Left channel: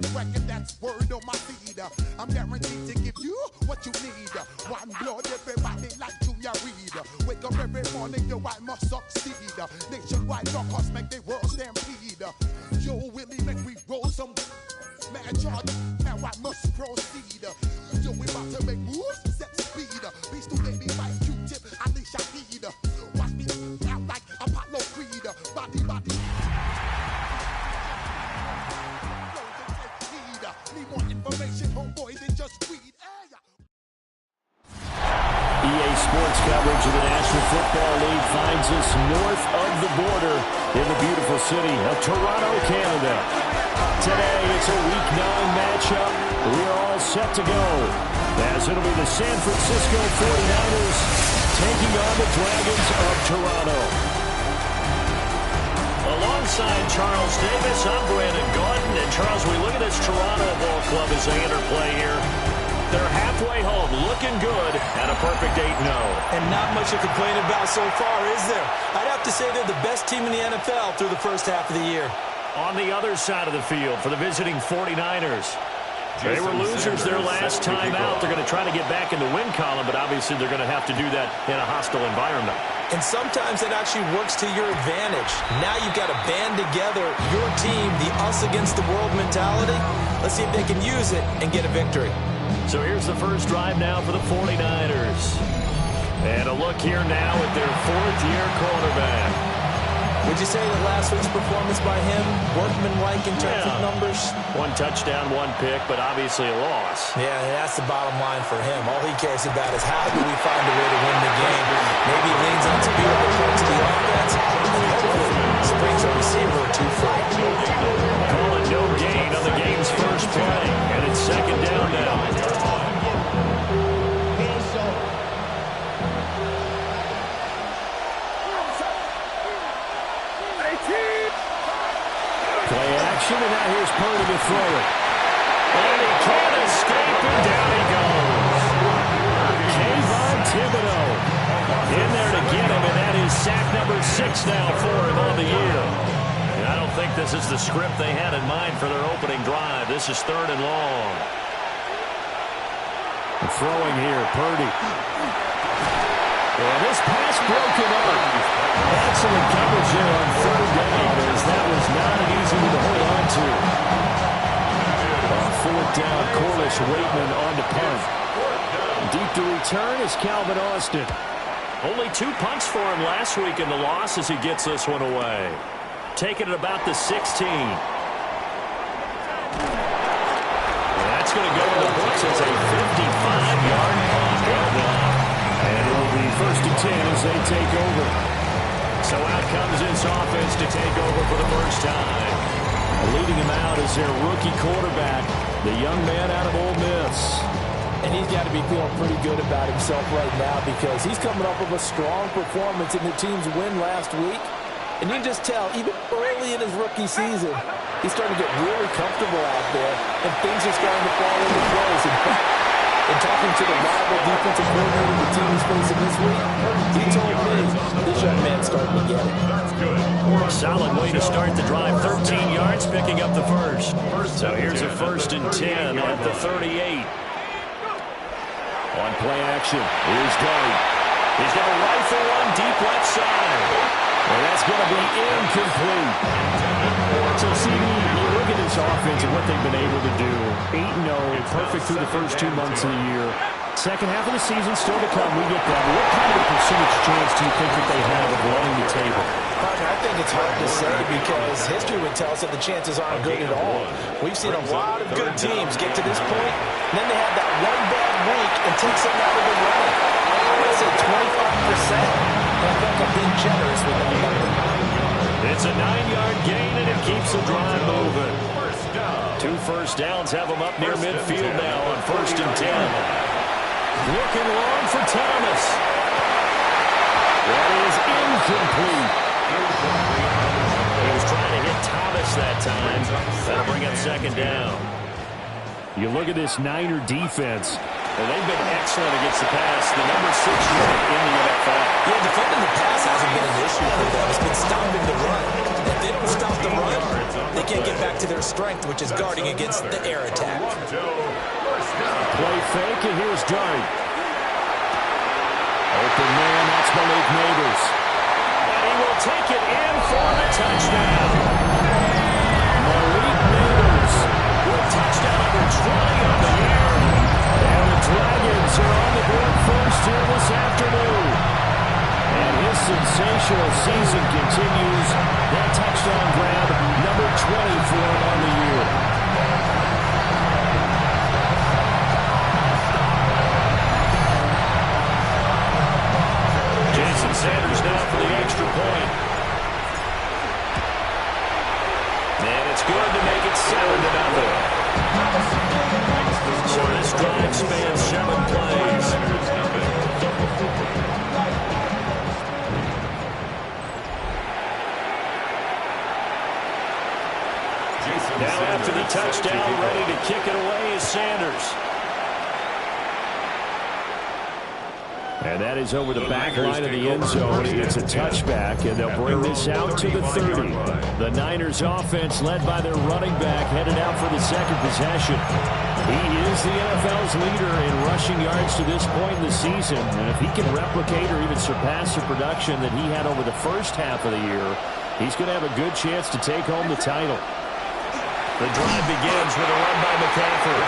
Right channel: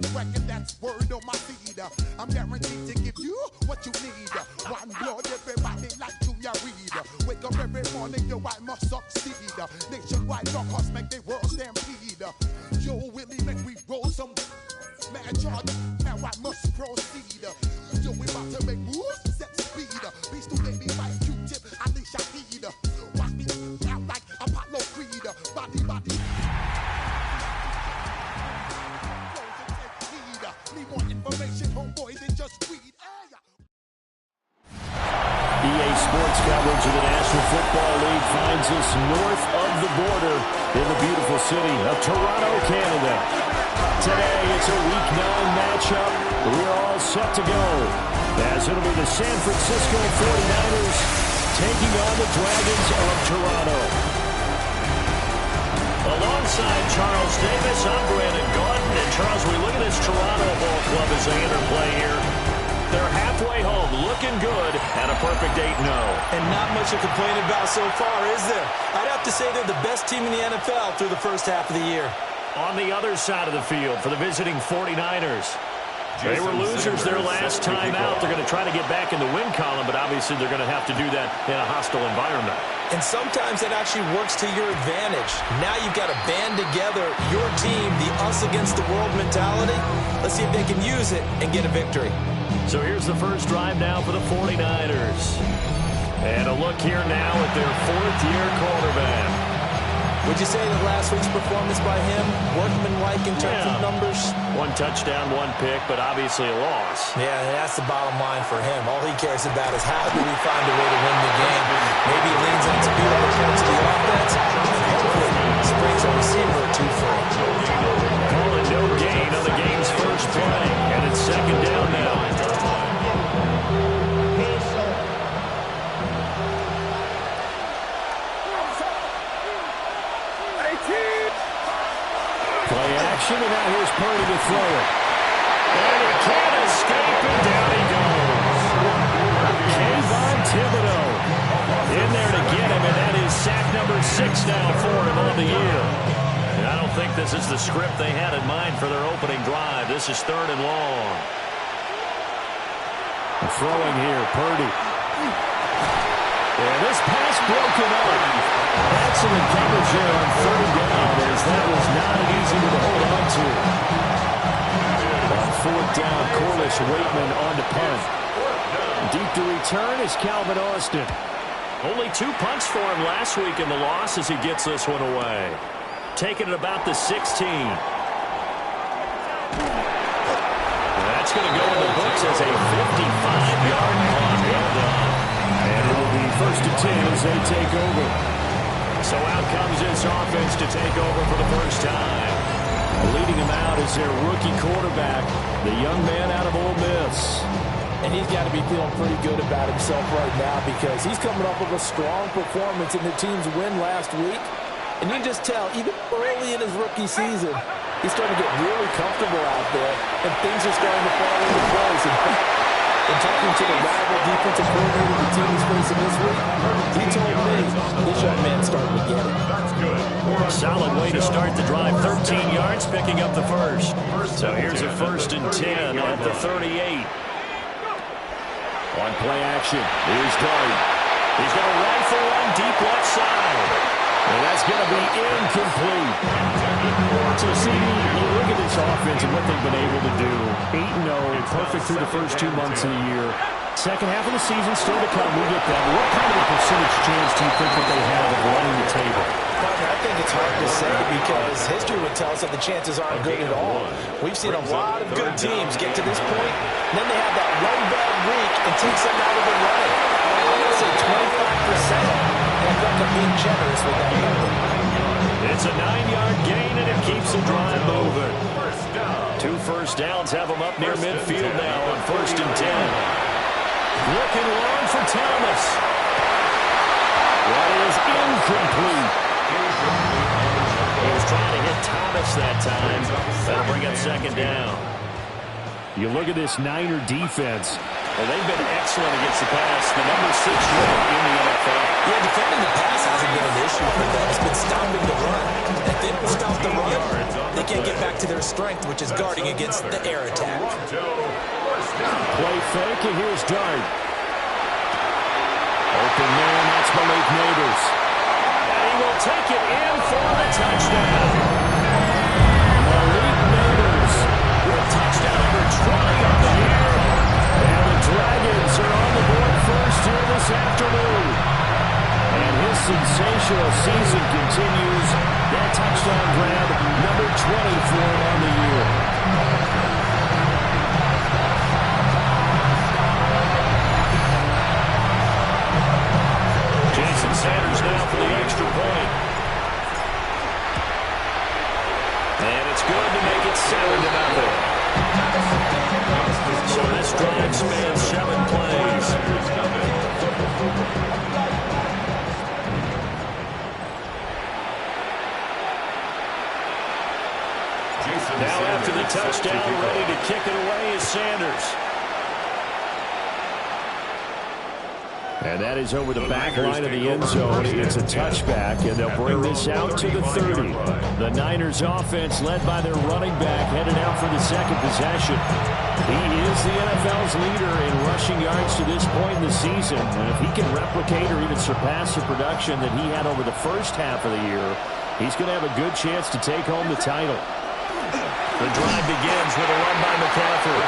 That's record, that's word on my feed. I'm guaranteed to give you what you need. One blood, everybody like Junior Reed. Wake up every morning, yo, I must succeed. Nationwide rockers make the world stampede. Yo, Willie, make we roll some mad charge. Now I must proceed. Yo, we about to make moves, set speed. Beast to baby like Q-tip, Alicia Heed. Watch me out like Apollo Creed. Body, body. Need more information, homeboy, than just read. EA Sports coverage of the National Football League finds us north of the border in the beautiful city of Toronto, Canada. Today, it's a Week 9 matchup. We're all set to go, as it'll be the San Francisco 49ers taking on the Dragons of Toronto. Alongside Charles Davis, I'm Brandon Gaudin. And Charles, we look at this Toronto ball club as they enter play here. They're halfway home, looking good, at a perfect 8-0. And not much to complain about so far, is there? I'd have to say they're the best team in the NFL through the first half of the year. On the other side of the field for the visiting 49ers. They were losers their last time out. They're going to try to get back in the win column, but obviously they're going to have to do that in a hostile environment. And sometimes that actually works to your advantage. Now you've got to band together your team, the us against the world mentality. Let's see if they can use it and get a victory. So here's the first drive now for the 49ers. And a look here now at their fourth-year quarterback. Would you say that last week's performance by him, workmanlike in terms of numbers? One touchdown, one pick, but obviously a loss. Yeah, that's the bottom line for him. All he cares about is how do we find a way to win the game. Maybe he leans on speed other parts of the offense, and hopefully springs a receiver or two free. Call it no gain on the game's first play, and it's second down now. Play action, and now here's Purdy to throw it. And he can't escape, and down he goes. Kayvon Thibodeaux in there to get him, and that is sack number 6 now for him on the year. And I don't think this is the script they had in mind for their opening drive. This is 3rd and long. Throwing here, Purdy. And this pass broken up. Excellent coverage there on 3rd down, as that was not an easy one to hold on to. On 4th down, Corliss Waitman on to punt. Deep to return is Calvin Austin. Only 2 punts for him last week in the loss as he gets this one away. Taking it about the 16. That's going to go in the books as a 55-yard punt. Well done. And it'll be 1st and 10 as they take over. So out comes this offense to take over for the first time. Leading him out is their rookie quarterback, the young man out of Ole Miss. And he's got to be feeling pretty good about himself right now because he's coming off of a strong performance in the team's win last week. And you can just tell, even early in his rookie season, he's starting to get really comfortable out there, and things are starting to fall into place. In fact, in talking to the rival defensive coordinator the team is facing this week, he told me this young man's starting to get it. That's good. Solid way to start the drive. 13 yards, picking up the first. So here's a 1st and 10 at the 38. On play action, here's Dart. He's going to rifle one deep left side. And that's going to be incomplete. So, CD, you look at this offense and what they've been able to do. 8-0, perfect through the first 2 months of the year. Second half of the season still to come. We get that. But what kind of a percentage chance do you think that they have of running the table? Partner, I think it's hard to say because history would tell us that the chances aren't good at all. We've seen a lot of good teams get to this point, and then they have that one bad week and takes them out of the running. I'm going to say 25%. And I feel like I'm being generous with that number. It's a 9-yard gain, and it keeps the drive moving. 2 first downs have them up near midfield now on 1st and 10. Looking long for Thomas. That is incomplete. He was trying to hit Thomas that time. That'll bring up 2nd down. You look at this Niner defense. And they've been excellent against the pass, the number 6 unit in the NFL. Yeah, defending the pass hasn't been an issue for them. It's been stopping the run. If they don't stop the run, they can't get back to their strength, which is guarding against the air attack. Play fake, and here's Dart. Open man, that's Malik Nabers. And he will take it in for the touchdown. Malik Nabers with touchdown number 20 on the year. And the Dragons are on the board first here this afternoon. And his sensational season continues. That touchdown grab, number 20 for him on the year. Jason Sanders now for the extra point. And it's good to make it 7-0. So this drive spans 7 plays. Now after the touchdown, ready to kick it away is Sanders. And that is over the back line of the end zone. It's a touchback, and they'll bring this out to the 30. The Niners offense, led by their running back, headed out for the second possession. He is the NFL's leader in rushing yards to this point in the season. And if he can replicate or even surpass the production that he had over the first half of the year, he's going to have a good chance to take home the title. The drive begins with a run by McCaffrey.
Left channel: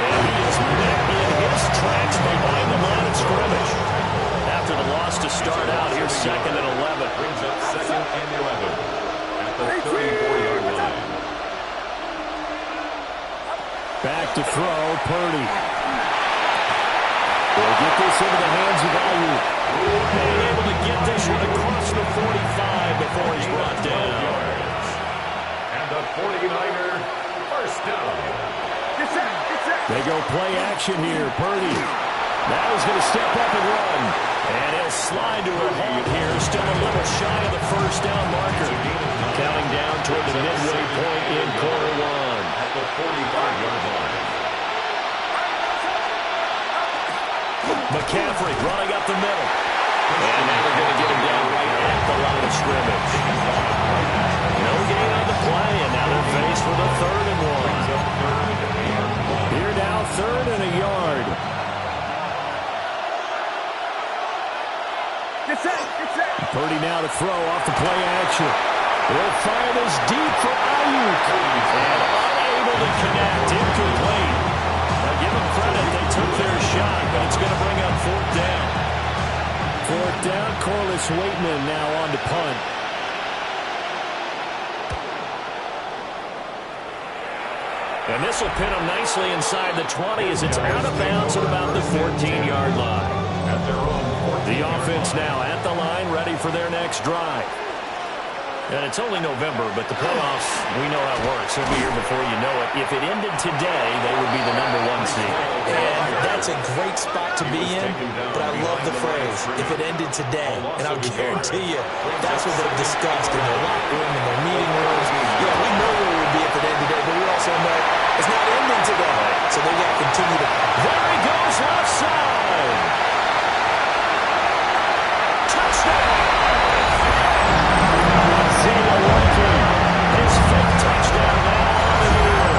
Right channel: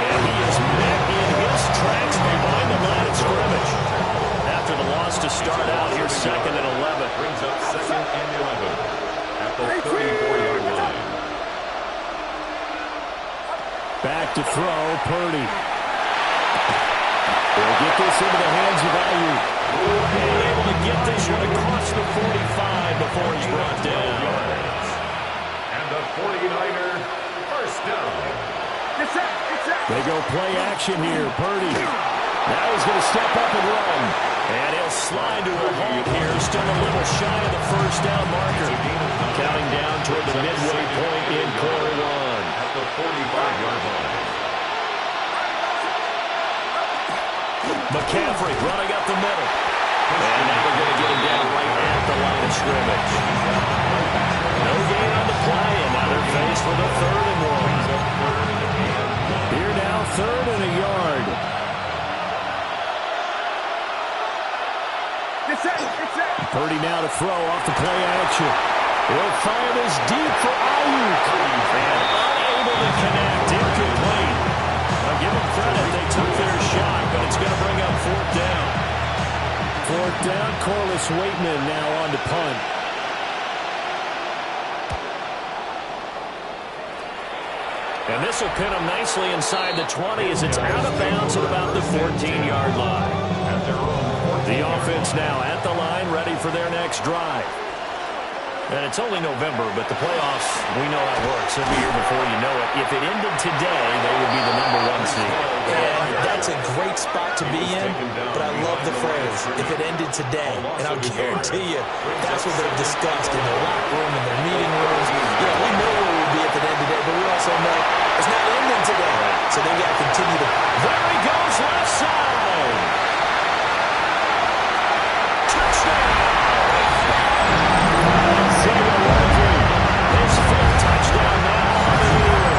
And he is met in his tracks behind the line of scrimmage. After the loss to start out, here's 2nd and 11. Brings up 2nd and 11 at the 34-yard line. Back to throw, Purdy. They'll get this into the hands of Ayuk. And able to get this one across the 45 before he's brought down. And the 49er first down. They go play action here. Purdy. Now he's going to step up and run. And he'll slide to a halt here. Still a little shy of the first down marker. Counting down toward the midway point in quarter 1. At the 45-yard line. McCaffrey running up the middle. And now they're going to get him down right at the line of scrimmage. No gain on the play, and now they're faced with a 3rd and 1. Here now, 3rd and a yard. Purdy now to throw off the play action. He'll fire this deep for Ayuk. And unable to connect, incomplete. Now give them credit, they took their shot, but it's going to bring up 4th down. 4th down, Corliss Waitman now on to punt. And this will pin them nicely inside the 20 as it's out of bounds at about the 14-yard line. The offense now at the line, ready for their next drive. And it's only November, but the playoffs, we know how it works. It'll be here before you know it. If it ended today, they would be the number 1 seed. And that's a great spot to be in, but I love the phrase, if it ended today. And I'll guarantee you, that's what they've discussed in their locker room, in their meeting rooms. Yeah, we know where we'd be if it ended today, but we also know it's not ending today. So they've got to continue to... There he goes, left side. Touchdown! His 5th touchdown now on the year.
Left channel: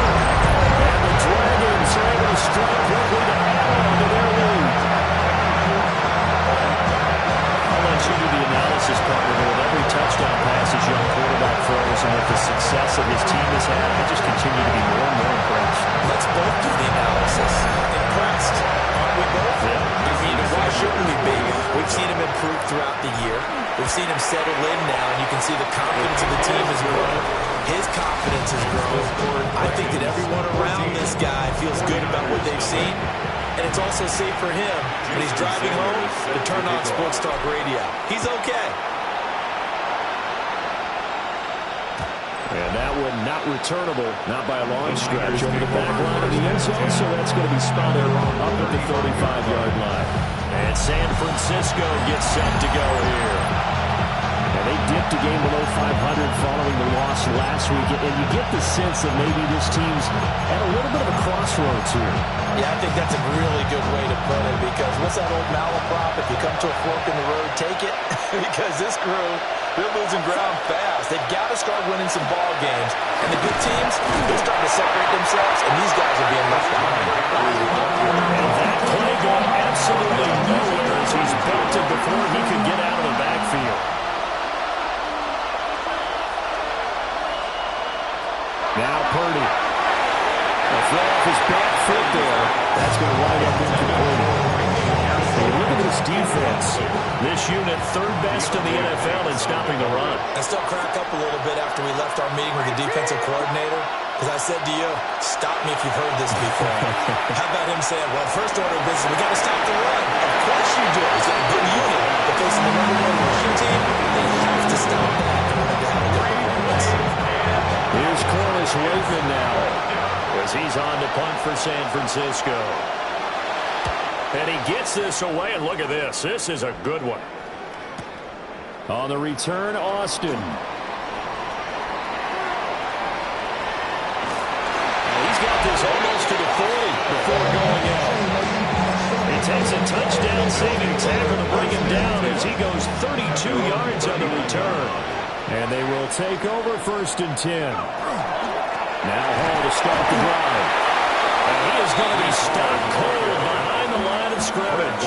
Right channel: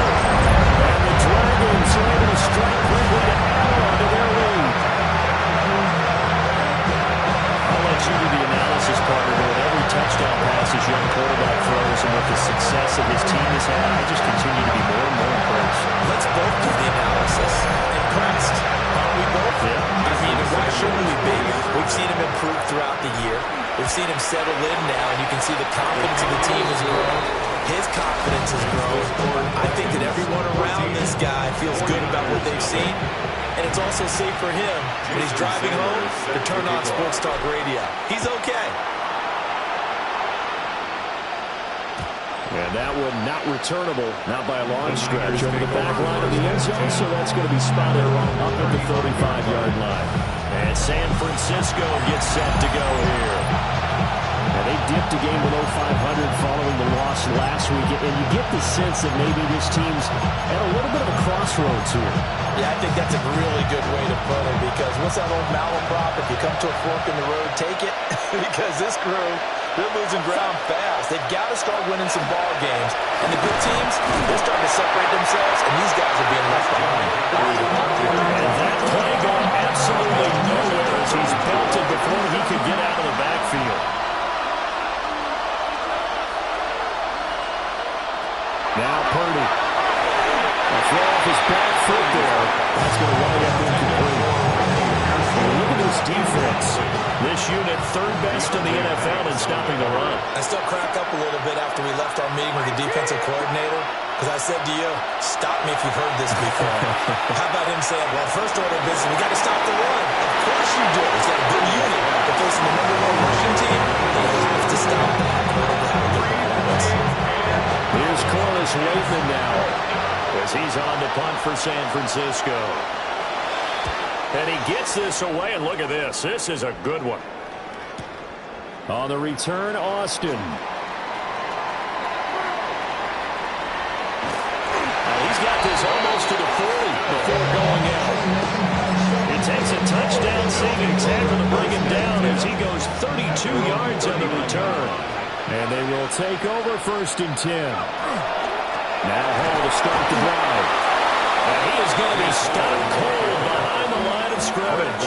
And the Dragons are able to strike quickly to add on to their lead. I'll let you do the analysis, partner, but with every touchdown pass his young quarterback throws and with the success that his team has had, I just continue to be more and more impressed. Let's both do the analysis. Impressed. Aren't we both? Yeah. I mean, why shouldn't we be? We've seen him improve throughout the year. We've seen him settle in now, and you can see the confidence of the team has grown. His confidence has grown. I think that everyone around this guy feels good about what they've seen. And it's also safe for him, when he's driving home, to turn on Sports Talk Radio. He's okay. And that one not returnable, not by a long stretch, over the back line of the end zone, so that's going to be spotted up at the 35-yard line. And San Francisco gets set to go here. And they dipped a game below 500 following the loss last week. And you get the sense that maybe this team's at a little bit of a crossroads here. Yeah, I think that's a really good way to put it, because what's that old malaprop? If you come to a fork in the road, take it. Because this crew, they're losing ground fast. They've got to start winning some ball games. And the good teams, they're starting to separate themselves, and these guys are being left behind. And that play going absolutely nowhere as he's belted before he could get out of the backfield. Now Purdy. A throw off his back foot there. That's going to wind up incomplete. And look at this defense. This unit third best in the NFL in stopping the run. I still crack up a little bit after we left our meeting with the defensive coordinator, because I said to you, stop me if you've heard this before. How about him saying, well, first order of business, we got to stop the run. Of course you do. He's got a good unit. But facing the #1 rushing team, they have to stop that in order to have a good performance. Here's Corliss Waitman now, as he's on to punt for San Francisco. And he gets this away, and look at this. This is a good one. On the return, Austin. He's got this almost to the 40 before going out. He takes a touchdown saving tackle to bring him down as he goes 32 yards on the return. And they will take over 1st and 10. Now Hall to start the drive. And he is going to be stopped cold behind the line of scrimmage.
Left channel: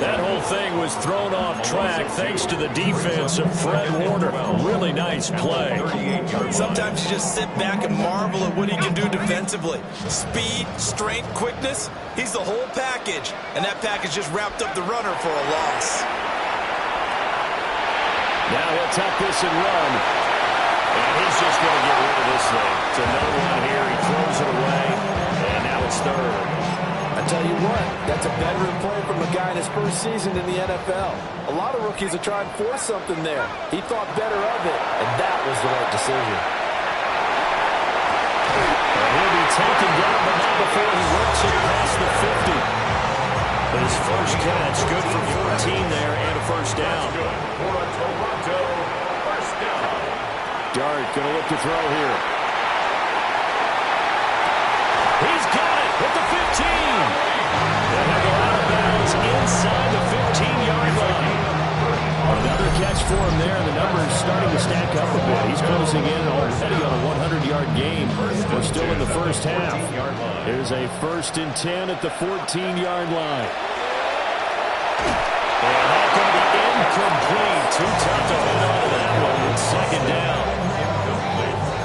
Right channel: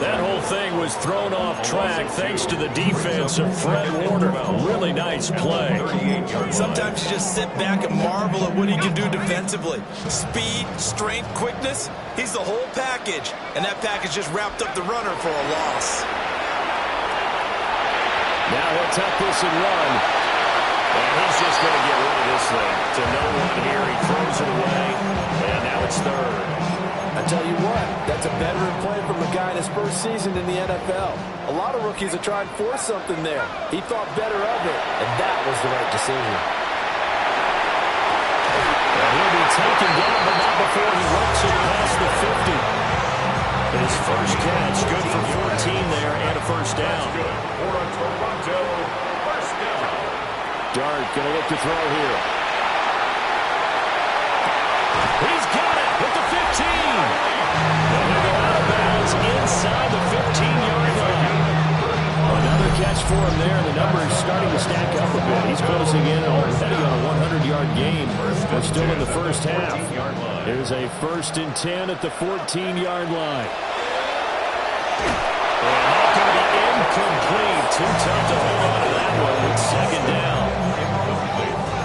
That whole thing was thrown off track thanks to the defense of Fred Warner. Really nice play. Sometimes you just sit back and marvel at what he can do defensively. Speed, strength, quickness, he's the whole package. And that package just wrapped up the runner for a loss. Now he'll tuck this and run. And he's just going to get rid of this thing. To no one here. He throws it away. And now it's 3rd. I tell you what, that's a veteran play from a guy in his first season in the NFL. A lot of rookies are trying to force something there. He thought better of it, and that was the right decision. And he'll be taken down, but not before he works it past the 50. His first catch, good for 14 there, and a first down. That's good for a Toronto first down. Dart going to look to throw here. He's got it at the 15. And he'll go out of bounds inside the 15-yard line. Another catch for him there, and the numbers starting to stack up a bit. He's closing in already on a 100-yard game. We're still in the first half. There's a 1st and 10 at the 14-yard line. And that's going to be incomplete. Too tough to hold on to that one. It's 2nd down.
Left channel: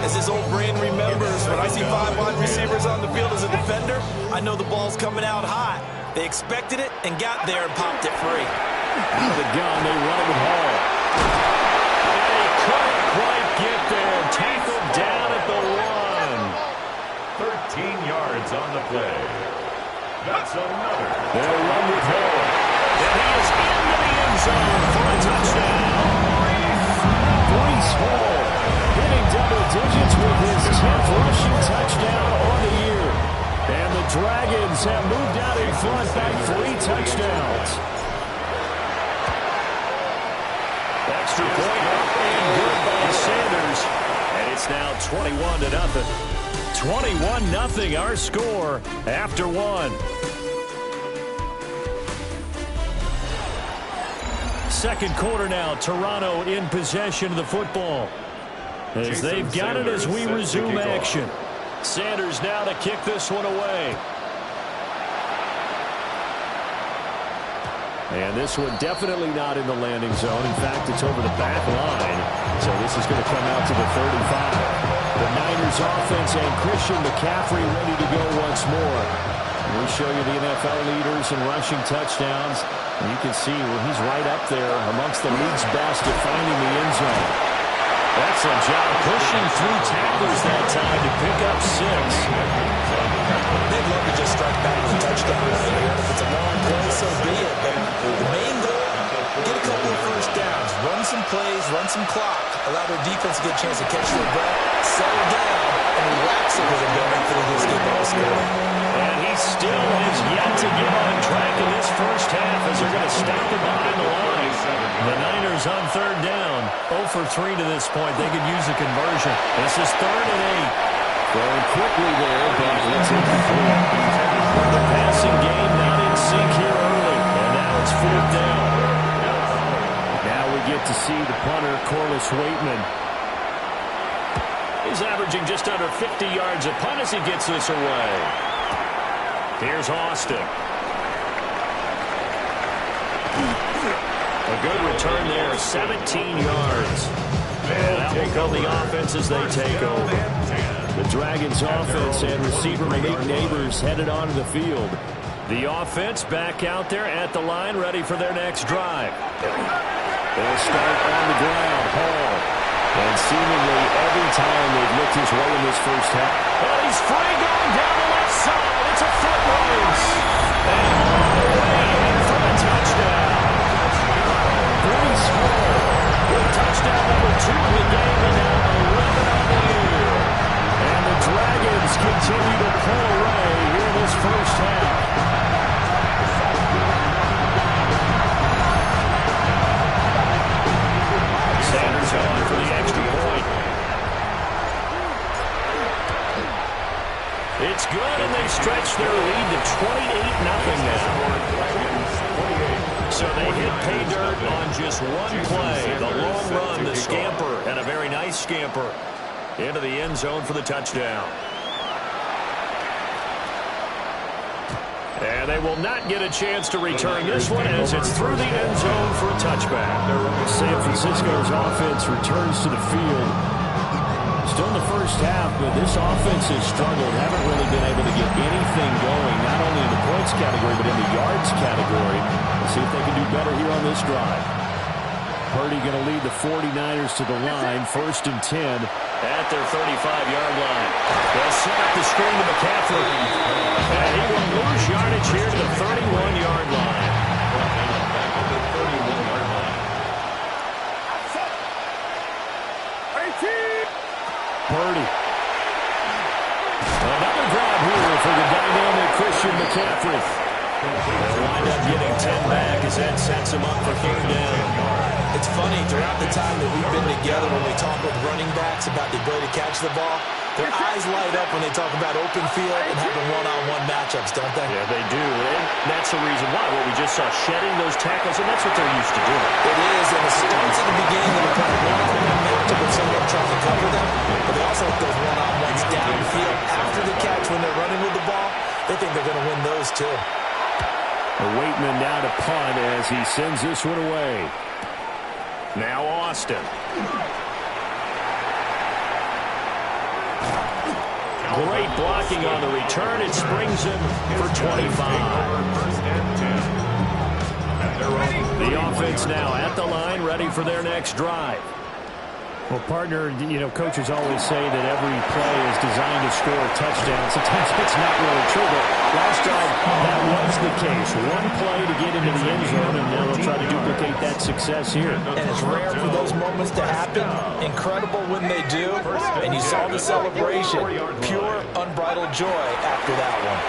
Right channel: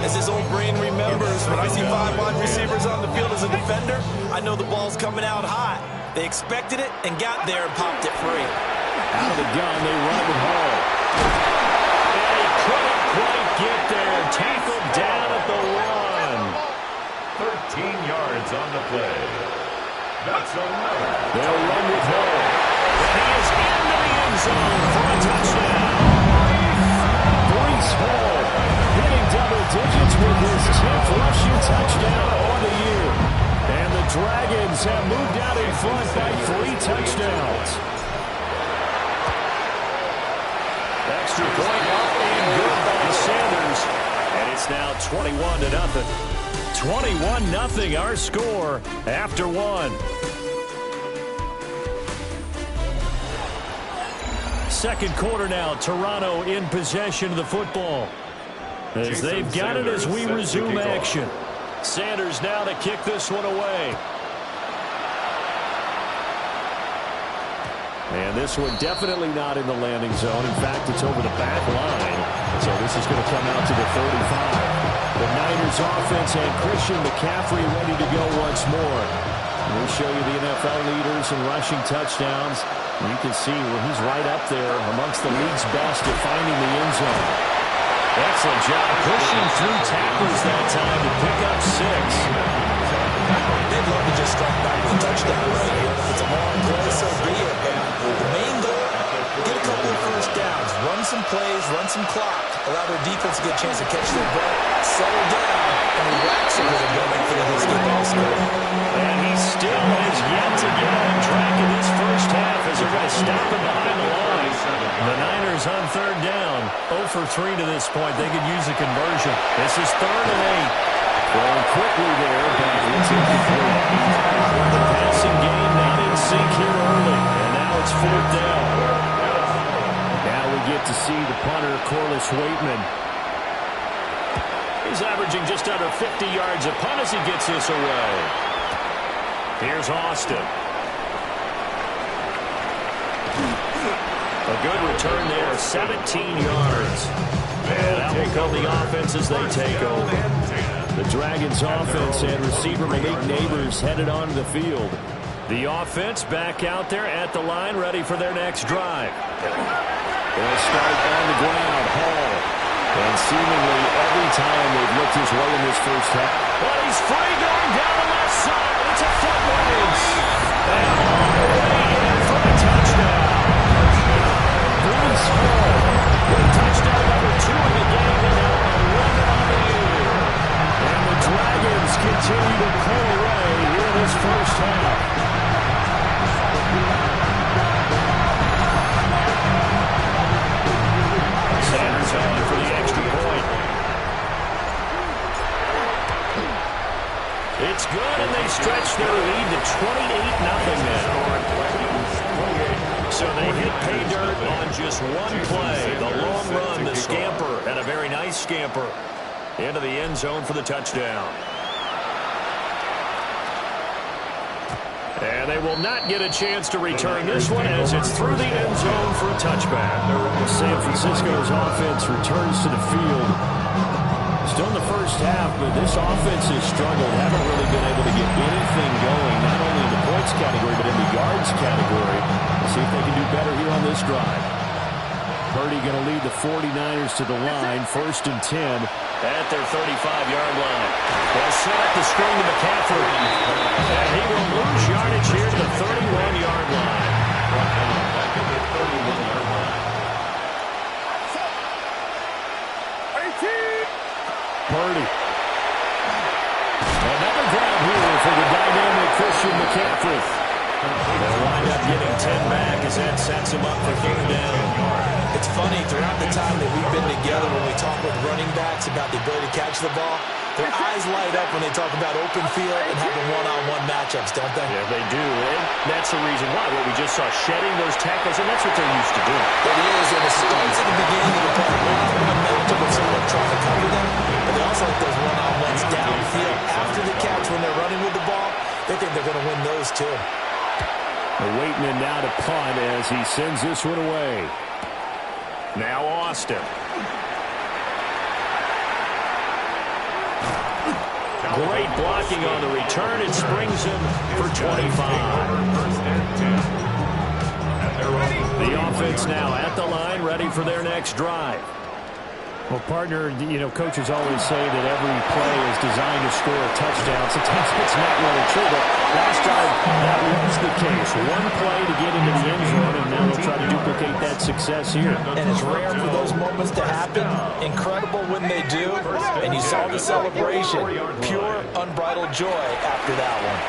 As his old brain remembers, when I see 5 wide receivers on the field as a defender, I know the ball's coming out hot. They expected it and got there and popped it free. Out of the gun, they run it with Hall. And he couldn't quite get there. Tackled down at the 13 yards on the play. That's another. They'll run with Hall. And he is into the end zone for a touchdown. Breece Hall hitting double digits with his 10th rushing touchdown on the year. And the Dragons have moved out in front by 3 touchdowns. Extra point up and good by Sanders. And it's now 21-0. 21-0 our score after 1. Second quarter now. Toronto in possession of the football. As they've got it as we resume action. Sanders now to kick this one away. And this one definitely not in the landing zone. In fact, it's over the back line. So this is going to come out to the 35. The Niners offense and Christian McCaffrey ready to go once more. And we show you the NFL leaders in rushing touchdowns. And you can see where he's right up there amongst the league's best at finding the end zone. Excellent job pushing through tacklers that time to pick up 6. They'd love to just strike back with a touchdown right here. If it's a long play, so be it. But the main goal, get a couple of first downs, run some plays, run some clock, allow their defense to get a chance to catch their breath, settle down, and relax a little bit before they get on the score. And he still has yet to get on track in this first half as as they're going to stop him behind the line. The Niners on third down. 0 for 3 to this point. They could use a conversion. This is 3rd and 8. Throwing quickly there, but it's incomplete. The passing game not in sync here early, and now it's 4th down. Now we get to see the punter, Corliss Waitman. He's averaging just under 50 yards a punt as he gets this away. Here's Austin. A good return there, 17 yards. And that will come the offense as they take over. The Dragons offense and receiver Malik Neighbors headed onto the field. The offense back out there at the line, ready for their next drive. They'll start on the ground. Hall. And seemingly every time they've looked his way in this first half. But he's free going down the left side. It's a foot race. And all the way in for the touchdown. Breece Hall with touchdown number 2 in the game and now 11 on the year. And the Dragons continue to pull away here in this first half. Sanders on for the extra point. It's good, and they stretch their lead to 28-0 now. So they hit pay dirt on just one play. The long run, the scamper, and a very nice scamper into the end zone for the touchdown. And they will not get a chance to return this one as it's through the end zone for a touchback. San Francisco's offense returns to the field. Still in the first half, but this offense has struggled. Haven't really been able to get anything going, not only in the points category, but in the yards category. We'll see if they can do better here on this drive. Purdy going to lead the 49ers to the line, 1st and 10. At their 35-yard line. They'll set up the screen to McCaffrey. And he will lose yardage here to the 31-yard line. Brought down back at the 31-yard line. Purdy. Another grab here for the dynamic Christian McCaffrey. They'll wind up getting 10 back as that sets him up for 3rd down. It's funny, throughout the time that we've been together when we talk with running backs about the ability to catch the ball, their eyes light up when they talk about open field and having one-on-one matchups, don't they? Yeah, they do. And that's the reason why. What we just saw, shedding those tackles, and that's what they're used to doing. It is, and it starts at the beginning of the play. One-on-one matchup with someone trying to cover them, but they also have those one-on-ones downfield after the catch when they're running with the ball. They think they're going to win those, too. Waitman now to punt as he sends this one away. Now Austin. Great blocking on the return. It springs him for 25. The offense now at the line, ready for their next drive. Well, partner, you know, coaches always say that every play is designed to score a touchdown. Sometimes it's not really true, but last drive, that was the case. One play to get into the end zone, and now they'll try to duplicate that success here. And it's rare for those moments to happen. Incredible when they do. And you saw the celebration. Pure, unbridled joy after that one.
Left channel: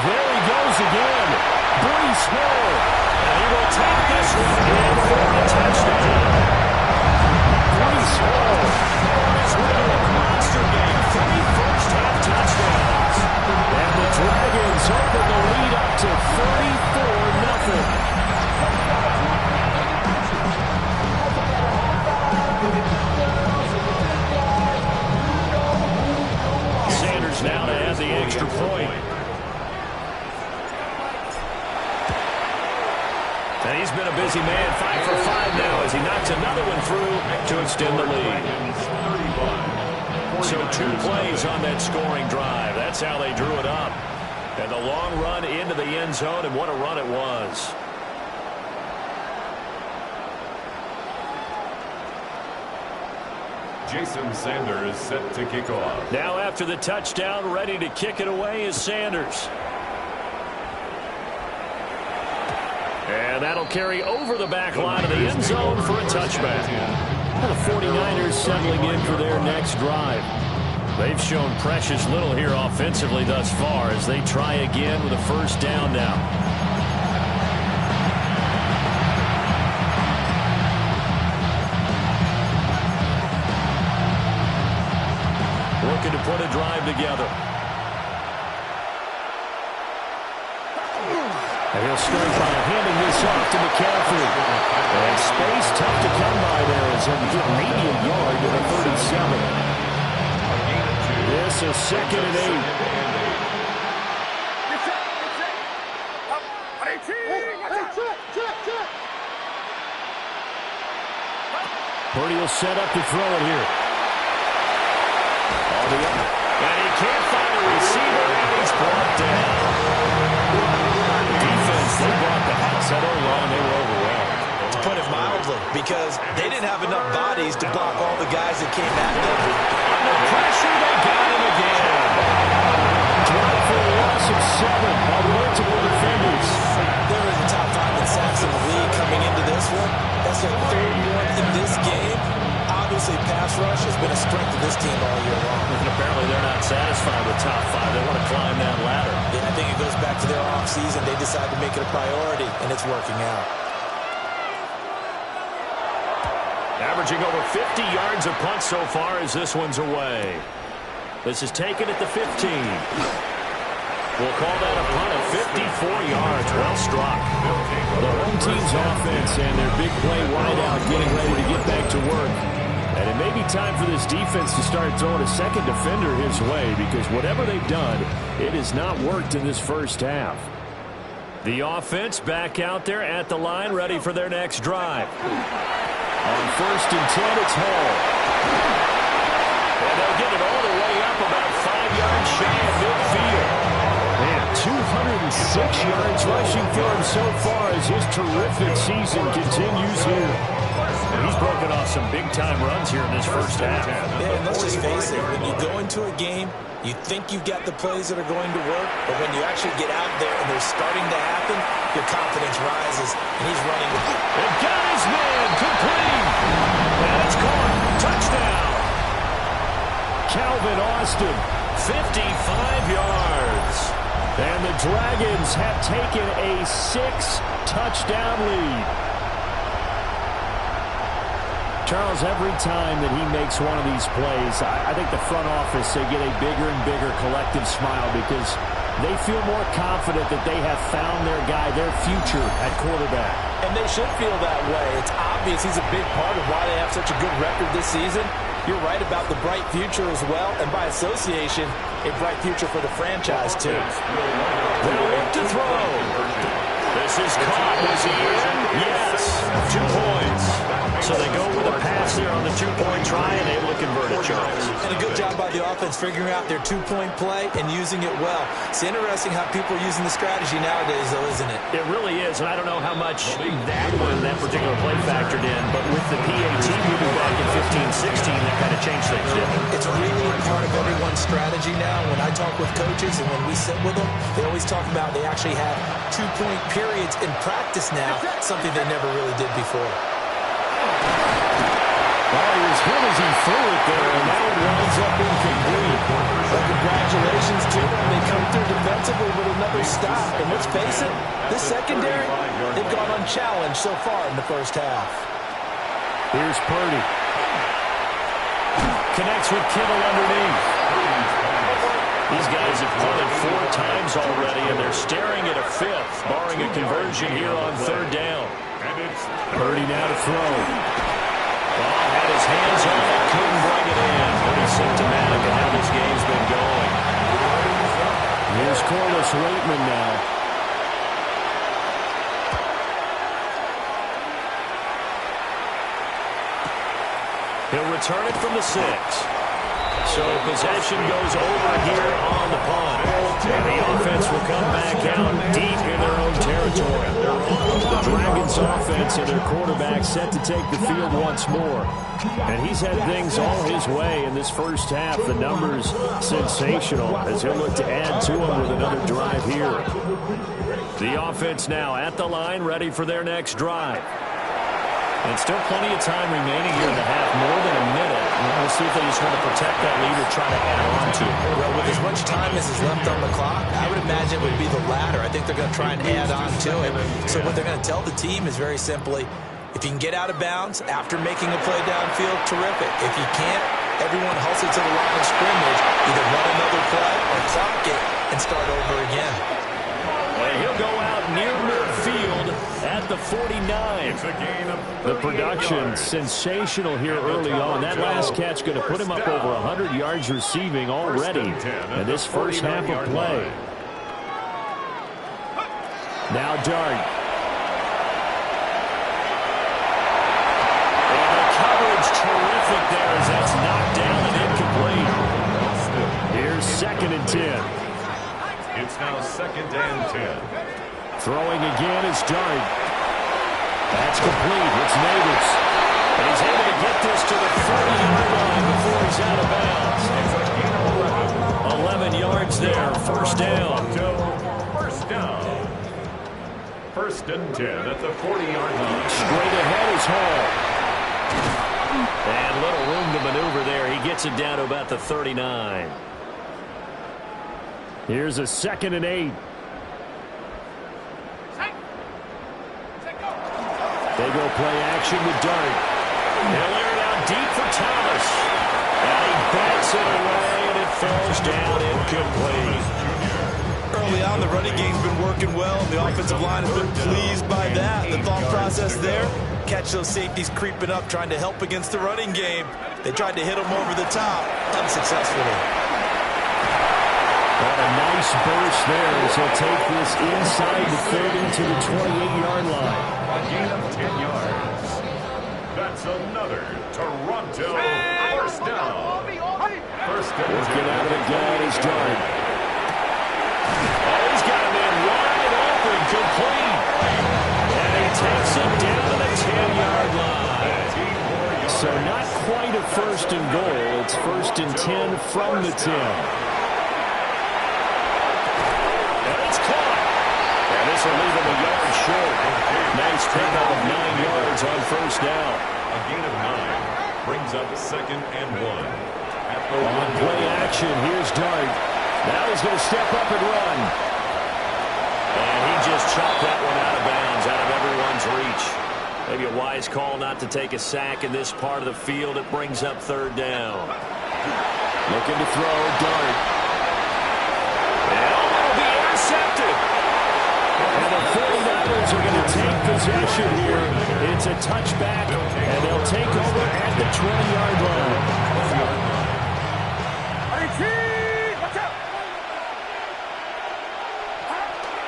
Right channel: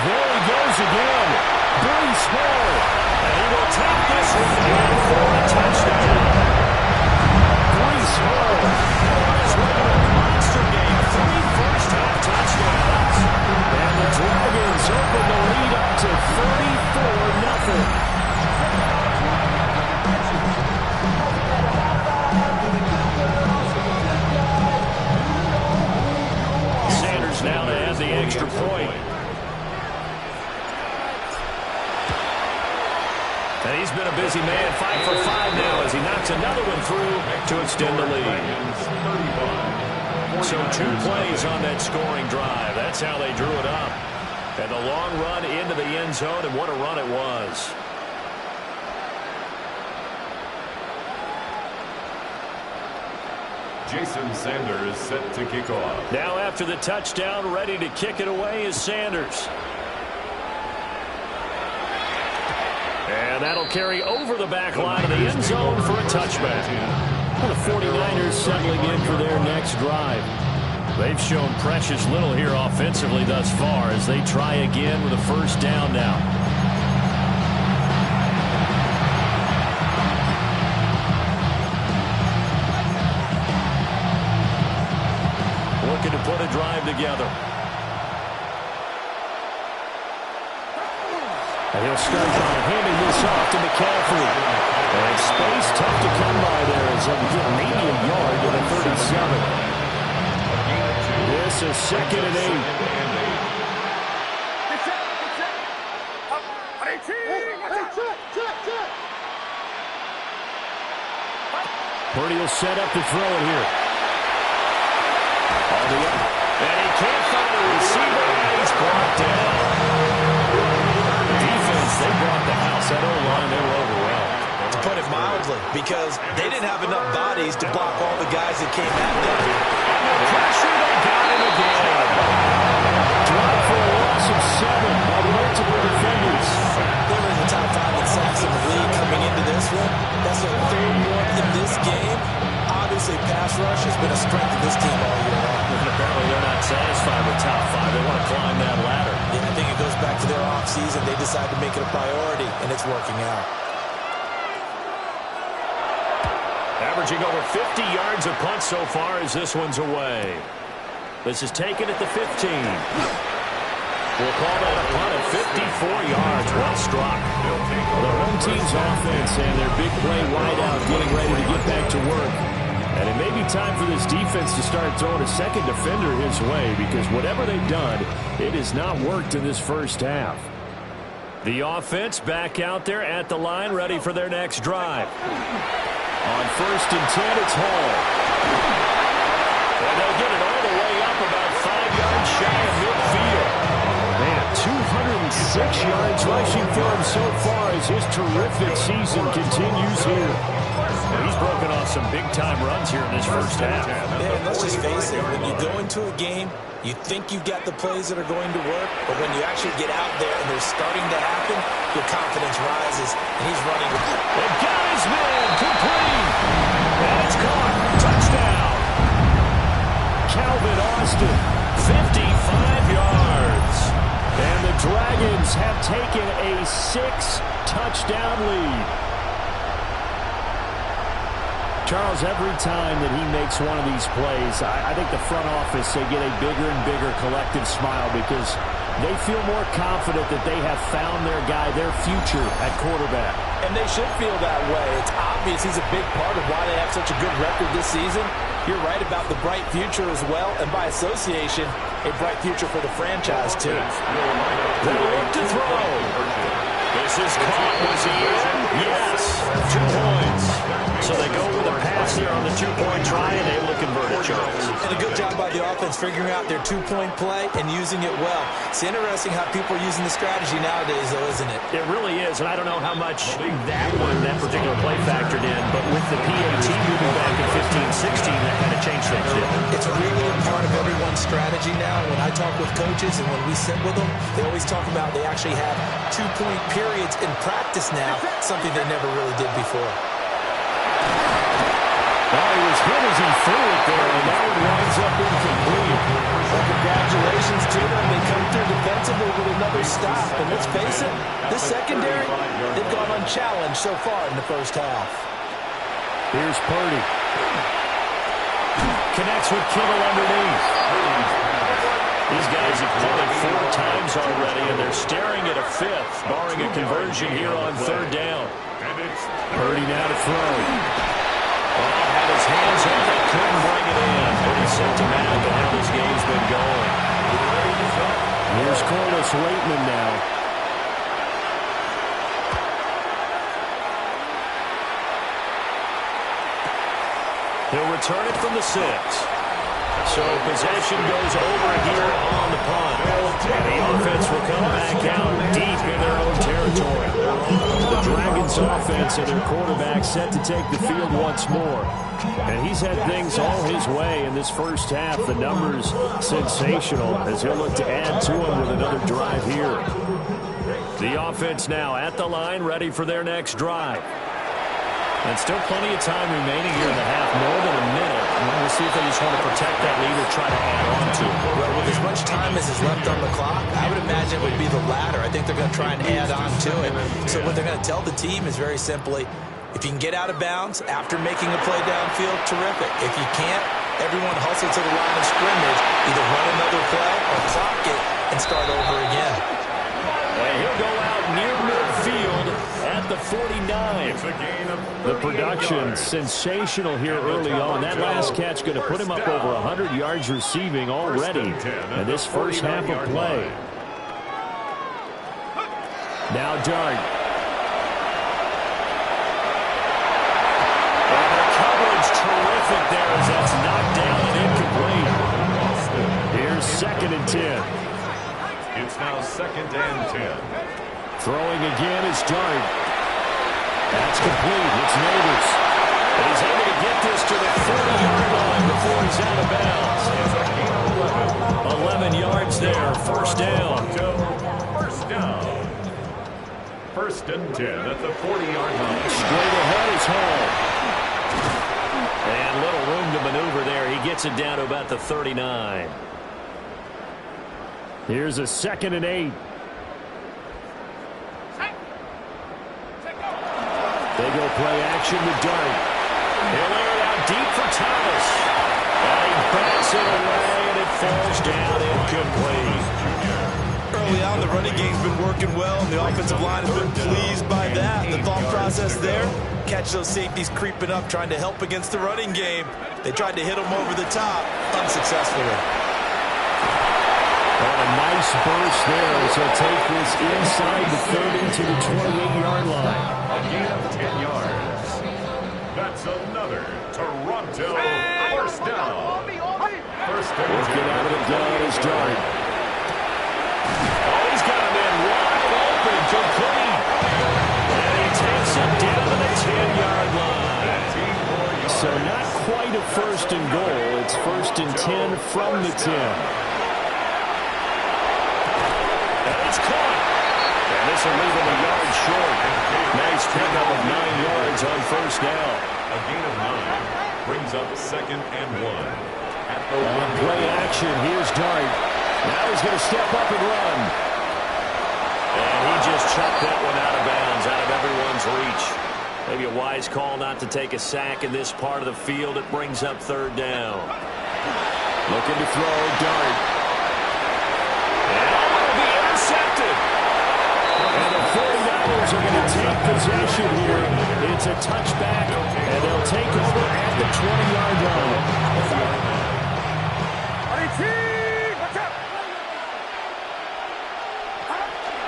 There he goes again. Breece Hall. And he will take this one in for a touchdown. Breece Hall on his way to a monster game. 3 first-half touchdowns. And the Dragons open the lead up to 34-0. Sanders now to add the extra point. And he's been a busy man, 5 for 5 now as he knocks another one through to extend the lead. So 2 plays on that scoring drive. That's how they drew it up. And the long run into the end zone, and what a run it was. Jason Sanders set to kick off. Now after the touchdown, ready to kick it away is Sanders. And that'll carry over the back line of the end zone for a touchback. Well, the 49ers settling in for their next drive. They've shown precious little here offensively thus far as they try again with a first down now. Looking to put a drive together. And he'll start by handing this off to McCaffrey. And space tough to come by there as he'll get maybe a yard to the 37. This is 2nd and 8. Purdy will set up to throw it here. All the up. And he can't find a receiver, and he's brought down. Defense, they brought the house. That O-line, they were overwhelmed. To put it mildly, because they didn't have enough bodies to block all the guys that came at them. Under pressure, they got him again. Dropped for a loss of 7 by multiple defenders. They were in the top 5 in sacks in the league coming into this one. That's their 3rd one in this game. Obviously, pass rush has been a strength of this team all year long. And apparently they're not satisfied with top 5. They want to climb that ladder. Yeah, I think it goes back to their offseason. They decided to make it a priority, and it's working out. Averaging over 50 yards a punt so far as this one's away. This is taken at the 15. We'll call that a punt of 54 yards. Well struck. The home team's offense and their big play wideout getting ready to get back to work. And it may be time for this defense to start throwing a second defender his way, because whatever they've done, it has not worked in this first half. The offense back out there at the line, ready for their next drive. On 1st and 10, it's Hall. And they'll get it all the way up about 5 yards shy of midfield. Man, 206 yards rushing for him so far as his terrific season continues here. And he's broken off some big-time runs here in this first half. Yeah, and let's just face it, when you go into a game, you think you've got the plays that are going to work, but when you actually get out there and they're starting to happen, your confidence rises, and he's running. They've got his man, complete. And it's caught. Touchdown. Calvin Austin, 55 yards. And the Dragons have taken a 6-touchdown lead. Charles, every time that he makes one of these plays, I think the front office, they get a bigger and bigger collective smile because they feel more confident that they have found their guy, their future at quarterback. And they should feel that way. It's obvious he's a big part of why they have such a good record this season. You're right about the bright future as well, and by association, a bright future for the franchise, too. They'll look to throw. This is caught. Was he in? Yes. 2 points. So they go with a pass here on the 2-point try and able to convert it, Charles. And a good job by the offense figuring out their 2-point play and using it well. It's interesting how people are using the strategy nowadays, though, isn't it? It really is, and I don't know how much that particular play factored in, but with the PAT moving back in 15-16, that kind of changed things, didn't it? It's really a part of everyone's strategy now. When I talk with coaches and when we sit with them, they always talk about they actually have 2-point periods in practice now, something they never really did before. Oh, he was hit as he threw it there, and that one winds up incomplete. Well, congratulations to them. They come through defensively with another stop. And let's face it, this secondary, they've gone unchallenged so far in the first half. Here's Purdy. Connects with Kittle underneath. These guys have punted 4 times already, and they're staring at a 5th, barring a conversion here on 3rd down. Purdy now to throw. Ball had his hands on it, couldn't bring it in. Pretty symptomatic of how this game's been going. Here's Corliss Waitman now. He'll return it from the 6. So possession goes over here on the punt. And the offense will come back out deep in their own territory. The Dragons offense and their quarterback set to take the field once more. And he's had things all his way in this first half. The numbers sensational as he'll look to add to them with another drive here. The offense now at the line, ready for their next drive. And still plenty of time remaining here in the half, more than a minute. We'll see if they just want to protect that lead or try to add on to it. Well, with as much time as is left on the clock, I would imagine it would be the latter. I think they're going to try and add on to it. So what they're going to tell the team is very simply, if you can get out of bounds after making a play downfield, terrific. If you can't, everyone hustle to the line of scrimmage, either run another play or clock it and start over again. And he'll go out near midfield at the 49. The production sensational here early on. That last catch going to put him up over 100 yards receiving already in this first half of play. Now Dart. And the coverage terrific there as that's knocked down and incomplete. Here's 2nd and 10. It's now 2nd and 10. Throwing again is Dart. That's complete. It's Neighbors. And he's able to get this to the 40-yard line before he's out of bounds. It's a gain of 11 yards there. First down. First down. 1st and 10 at the 40-yard line. Straight ahead is Hall. And little room to maneuver there. He gets it down to about the 39. Here's a 2nd and 8. They go play action with Dart. He'll air it out deep for Thomas. And he backs it away, and it falls down incomplete. Early on, the running game's been working well, and the offensive line has been pleased by that. The thought process there, catch those safeties creeping up, trying to help against the running game. They tried to hit them over the top, unsuccessfully. And a nice burst there as he'll take this inside the 30 to the 28-yard line. A gain of 10 yards. That's another Toronto first down. First and 10. Working out of the gun is Dart. Oh, he's got him in wide open, complete. And he takes it down to the 10-yard line. So not quite a 1st and goal. It's 1st and 10 from the 10. It's caught. And this will leave him a yard short. Nice pickup of 9 yards on first down. A gain of 9 brings up 2nd and 1. At the on play action, here's Dart. Now he's going to step up and run. And he just chopped that one out of bounds, out of everyone's reach. Maybe a wise call not to take a sack in this part of the field. It brings up 3rd down. Looking to throw, Dart. And it'll be intercepted. And the 49ers are going to take possession here. It's a touchback, and they'll take over at the 20-yard line.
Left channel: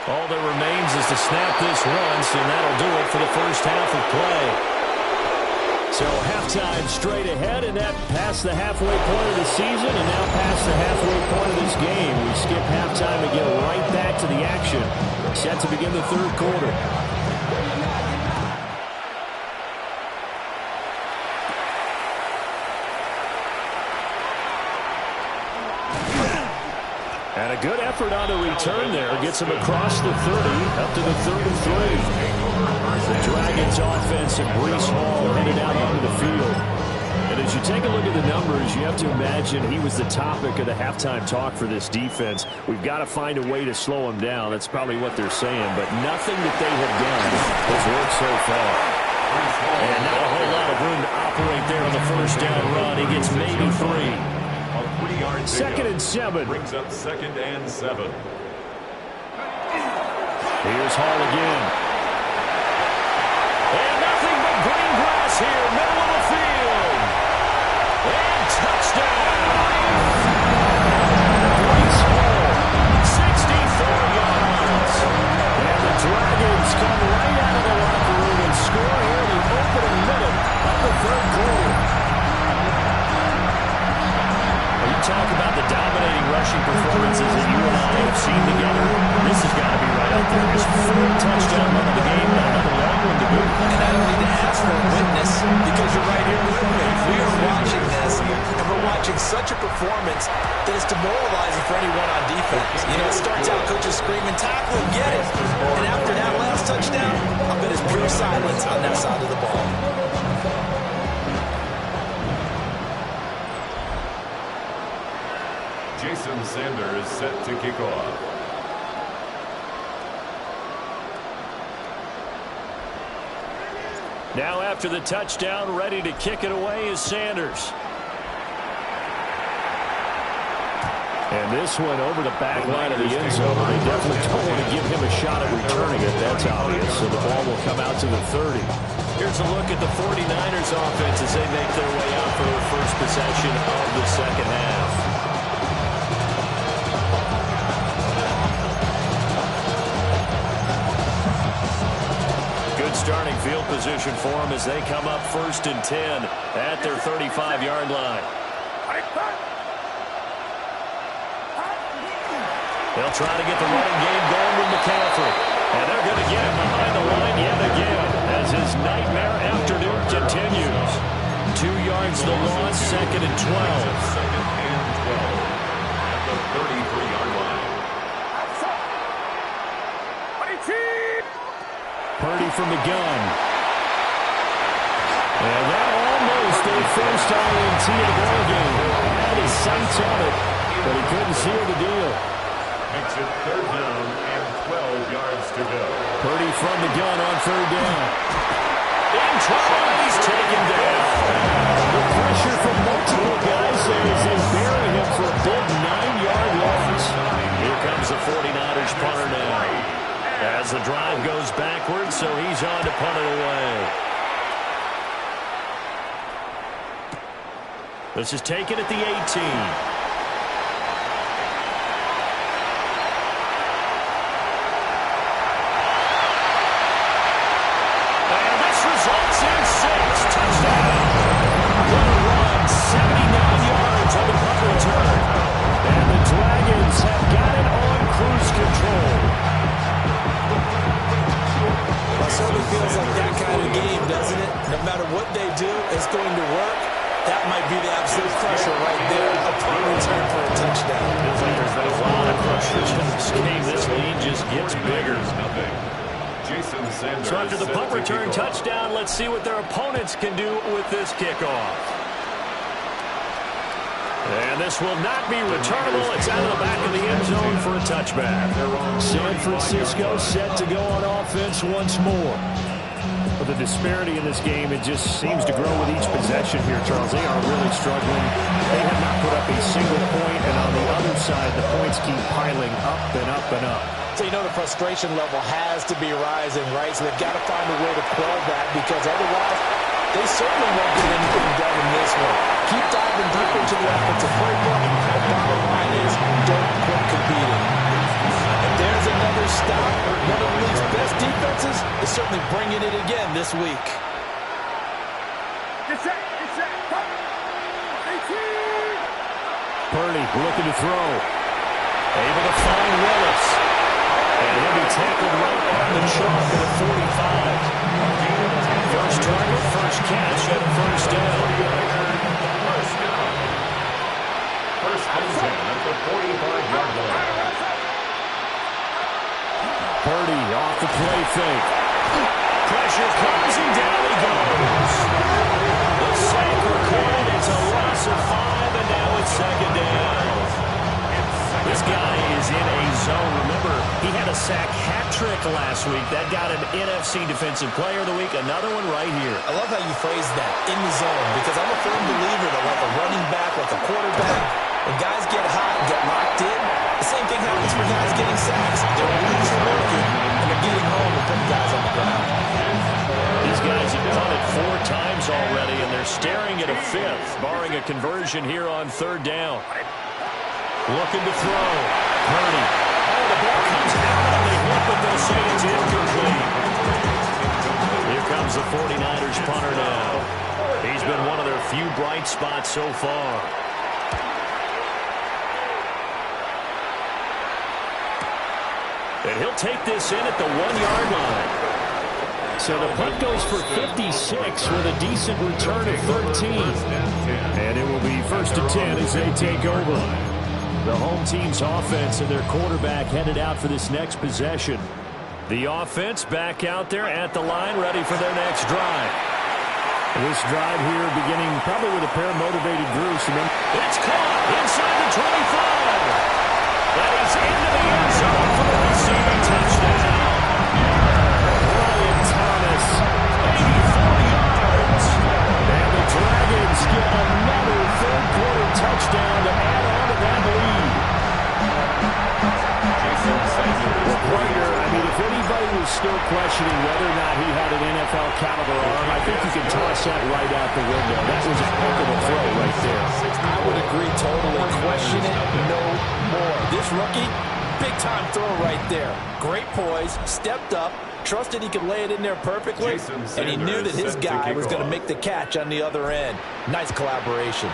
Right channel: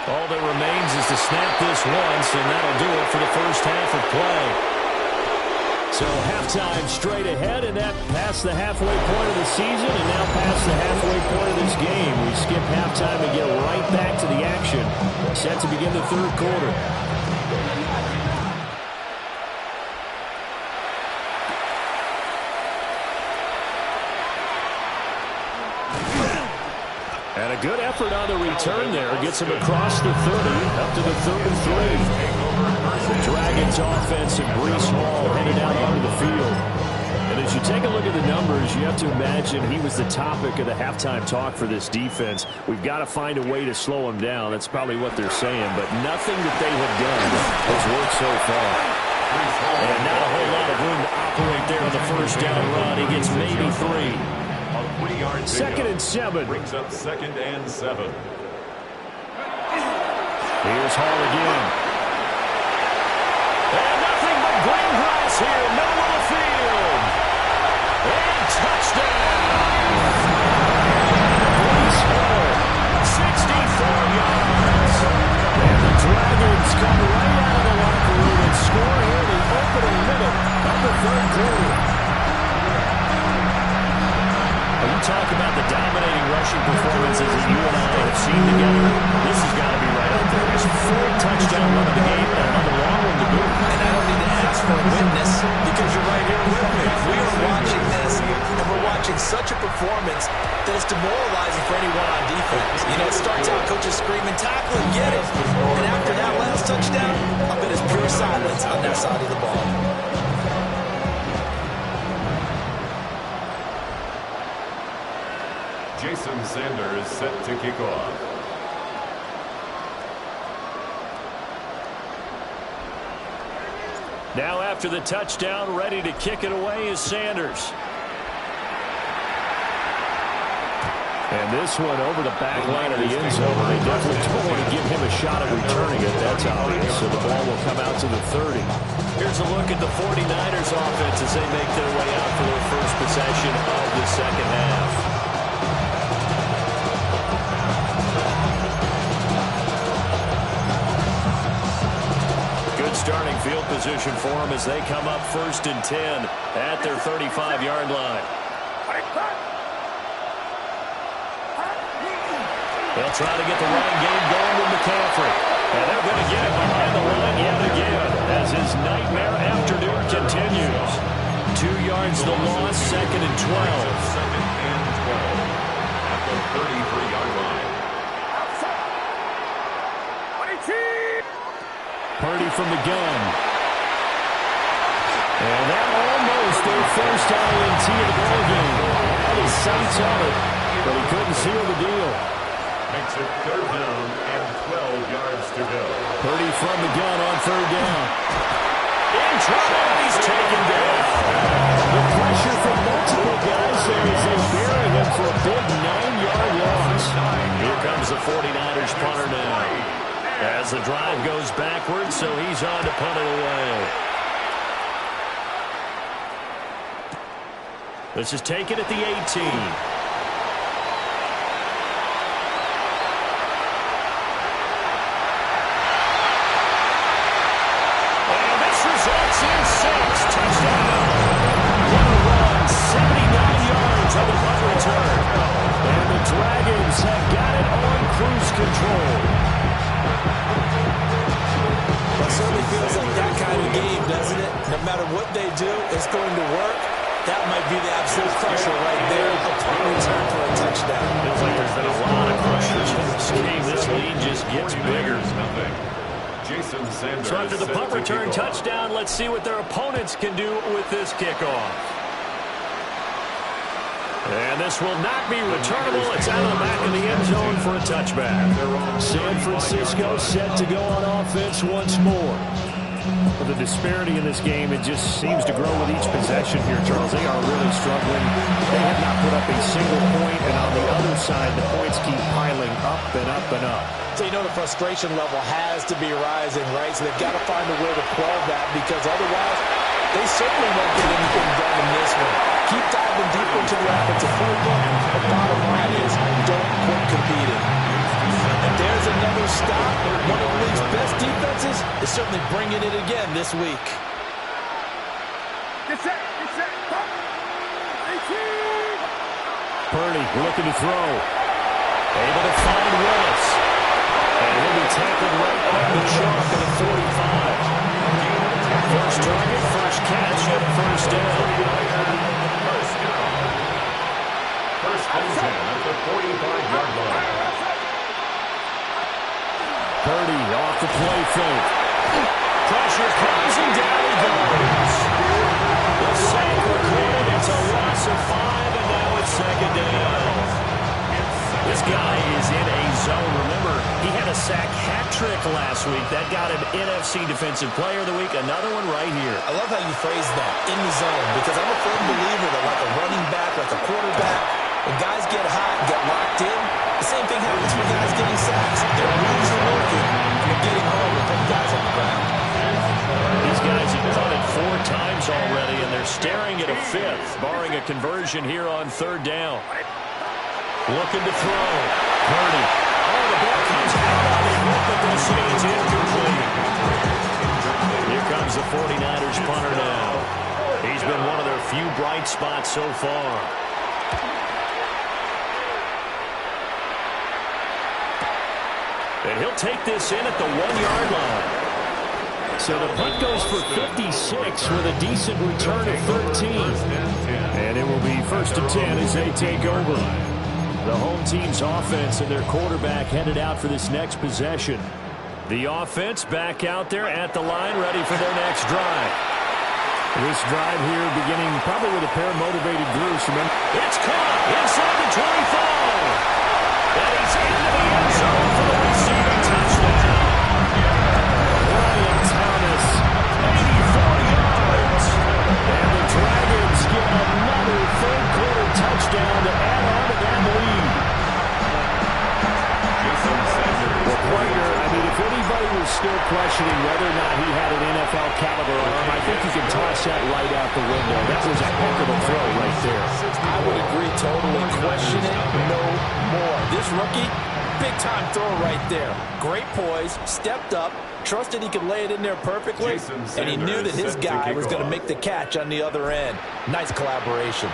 All that remains is to snap this once, and that'll do it for the first half of play. So halftime straight ahead, and that past the halfway point of the season, and now past the halfway point of this game. We skip halftime and get right back to the action. Set to begin the 3rd quarter. And a good effort on the return there. Gets him across the 30, up to the 33. The Dragons offense and Breece Hall headed out onto the field. And as you take a look at the numbers, you have to imagine he was the topic of the halftime talk for this defense. We've got to find a way to slow him down. That's probably what they're saying. But nothing that they have done has worked so far. And not a whole lot of room to operate there on the first down run. He gets maybe 3. A 3-yard 2nd and 7. Brings up 2nd and 7. Here's Hall again. And nothing but green grass here, middle of the field. And touchdown. Breece Hall, 64 yards. And the Dragons come right out of the locker room and score here in the opening minute of the 3rd quarter. talk about the dominating rushing performances that you and I have seen together, this has got to be right up there. His fourth touchdown run of the game and another long one to boot. And I don't need to ask for a witness because you're right here with me. We are watching this, and we're watching such a performance that is demoralizing for anyone on defense. You know, it starts out coaches screaming, tackle and get it. And after that last touchdown, I bet it's pure silence on that side of the ball. Jason Sanders set to kick off. Now after the touchdown, ready to kick it away is Sanders. And this one over the back line of the end zone. They definitely don't want to give him a shot at returning it. That's obvious. So the ball will come out to the 30. Here's a look at the 49ers offense as they make their way out for their first possession of the second half. Starting field position for them as they come up 1st and 10 at their 35-yard line. They'll try to get the running game going with McCaffrey. And they're going to get him behind the line yet again as his nightmare afternoon continues. 2 yards the loss, 2nd and 12. 2nd and 12 at the 33-yard line. Purdy from the gun. And that almost their first INT of the ball game. Had his sights on it, but he couldn't seal the deal. Makes it 3rd down and 12 yards to go. Purdy from the gun on 3rd down. In trouble, and he's taken down. The pressure from multiple guys there as they bury him for a big 9-yard loss. Here comes the 49ers punter now. As the drive goes backwards, so he's on to punt it away. This is taken at the 18. And this results in 6. Touchdown. What a run. 79 yards on the punt return. And the Dragons have got it on cruise control. Well, it certainly feels like that kind of game, doesn't it? No matter what they do, it's going to work. That might be the absolute crusher right there. A punt return for a touchdown. Feels like there's been a lot of crushers in this game. This lead just gets bigger. Jason Sanders. So after the punt return touchdown, let's see what their opponents can do with this kickoff. And this will not be returnable. It's out of the back of the end zone for a touchback. San Francisco set to go on offense once more. Well, the disparity in this game, it just seems to grow with each possession here, Charles. They are really struggling. They have not put up a single point, and on the other side, the points keep piling up and up and up. So you know the frustration level has to be rising, right? So they've got to find a way to quell that because otherwise they certainly won't get anything done in this one. Keep diving deeper into the offensive playbook. The bottom line is don't quit competing. If there's another stop, one of the league's best defenses is certainly bringing it again this week. Purdy looking to throw. Able to find Willis. And he'll be tackled right on the chalk at the 45. First target, first catch, and first down. First and 10 at the 45-yard line. Purdy off the play fake. Pressure comes and down he goes. The sack recorded. It's a loss of 5, and now it's 2nd down. This guy is in a zone. Remember, he had a sack hat trick last week. That got him NFC Defensive Player of the Week. Another one right here. I love how you phrase that, in the zone, because I'm a firm believer that like a running back, like a quarterback, when guys get hot and get locked in, the same thing happens for guys getting sacks. Their moves are working, and they're getting home and putting guys on the ground. These guys have punted 4 times already, and they're staring at a 5th, barring a conversion here on 3rd down. Looking to throw. Purdy. Oh, the ball comes out on the hit, but they'll say it's incomplete. Here comes the 49ers punter now. He's been one of their few bright spots so far. And he'll take this in at the 1-yard line. So the punt goes for 56 with a decent return of 13. And it will be 1st and 10 as they take over. The home team's offense and their quarterback headed out for this next possession. The offense back out there at the line, ready for their next drive. This drive here beginning probably with a pair of motivated groups. Remember, it's caught inside the 25. And he's into the end zone for the receiving touchdown. Brian Thomas, 84 yards. And the Dragons get another third-quarter touchdown to add on to that lead. Well, partner, I mean, if anybody was still questioning whether or not he had an NFL-caliber arm, I think you can toss that right out the window. That was a heck of a throw right there. I would agree totally. Question it no more. This rookie, big-time throw right there. Great poise, stepped up, trusted he could lay it in there perfectly, and he knew that his guy was going to make the catch on the other end. Nice collaboration.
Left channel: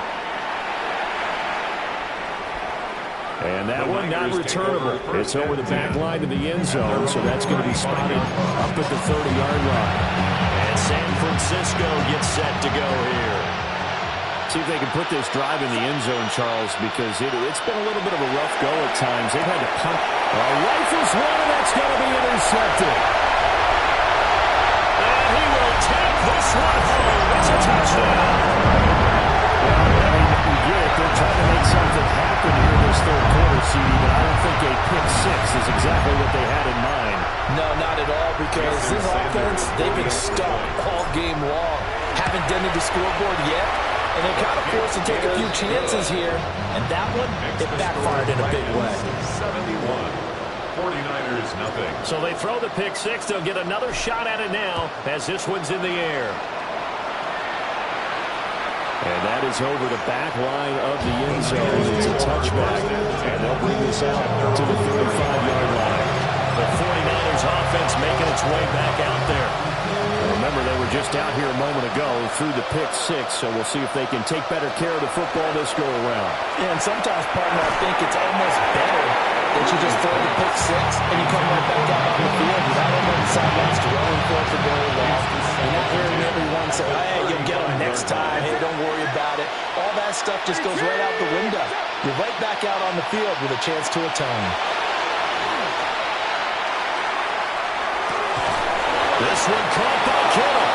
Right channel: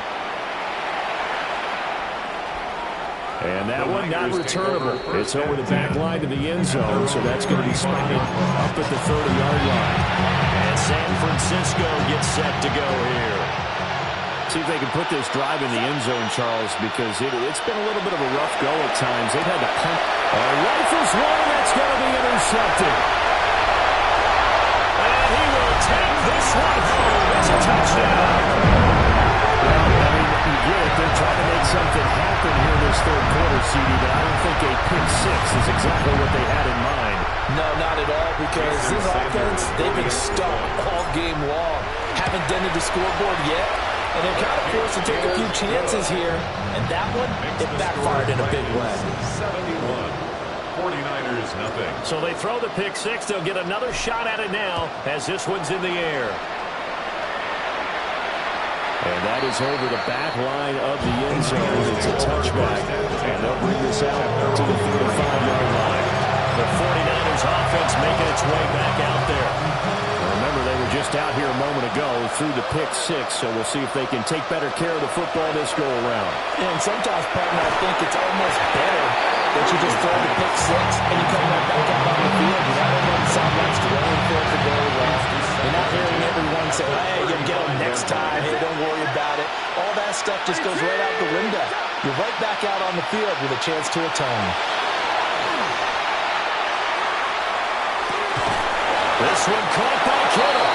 And that one not returnable. It's over the back line to the end zone, so that's going to be spotted up at the 30-yard line. And San Francisco gets set to go here. See if they can put this drive in the end zone, Charles, because it's been a little bit of a rough go at times. They've had to punt. Rifles one, and that's going to be intercepted. And he will take this one home. It's a touchdown. Well, I mean, you get it. They're trying to make something happen here this third quarter, CD, but I don't think a pick six is exactly what they had in mind. No, not at all, because this offense, they've been stuck all game long. Haven't dented the scoreboard yet, and they're kind of forced to take a few chances here, and that one, it backfired in a big way. 71. 49ers, nothing. So they throw the pick six. They'll get another shot at it now as this one's in the air. And that is over the back line of the end zone. It's a touchback. And they'll bring this out to the 35-yard line. The 49ers offense making its way back out there. Now remember, they were just out here a moment ago through the pick six, so we'll see if they can take better care of the football this go around. Yeah, and sometimes, partner, I think it's almost better that you just throw the pick six and you come right back out on the field. You're not over on the sidelines throwing for it very well. You're not hearing everyone say, hey, you'll get them next time. Hey, don't worry about it. All that stuff just goes right out the window. You're right back out on the field with a chance to atone. This one caught by Kittle.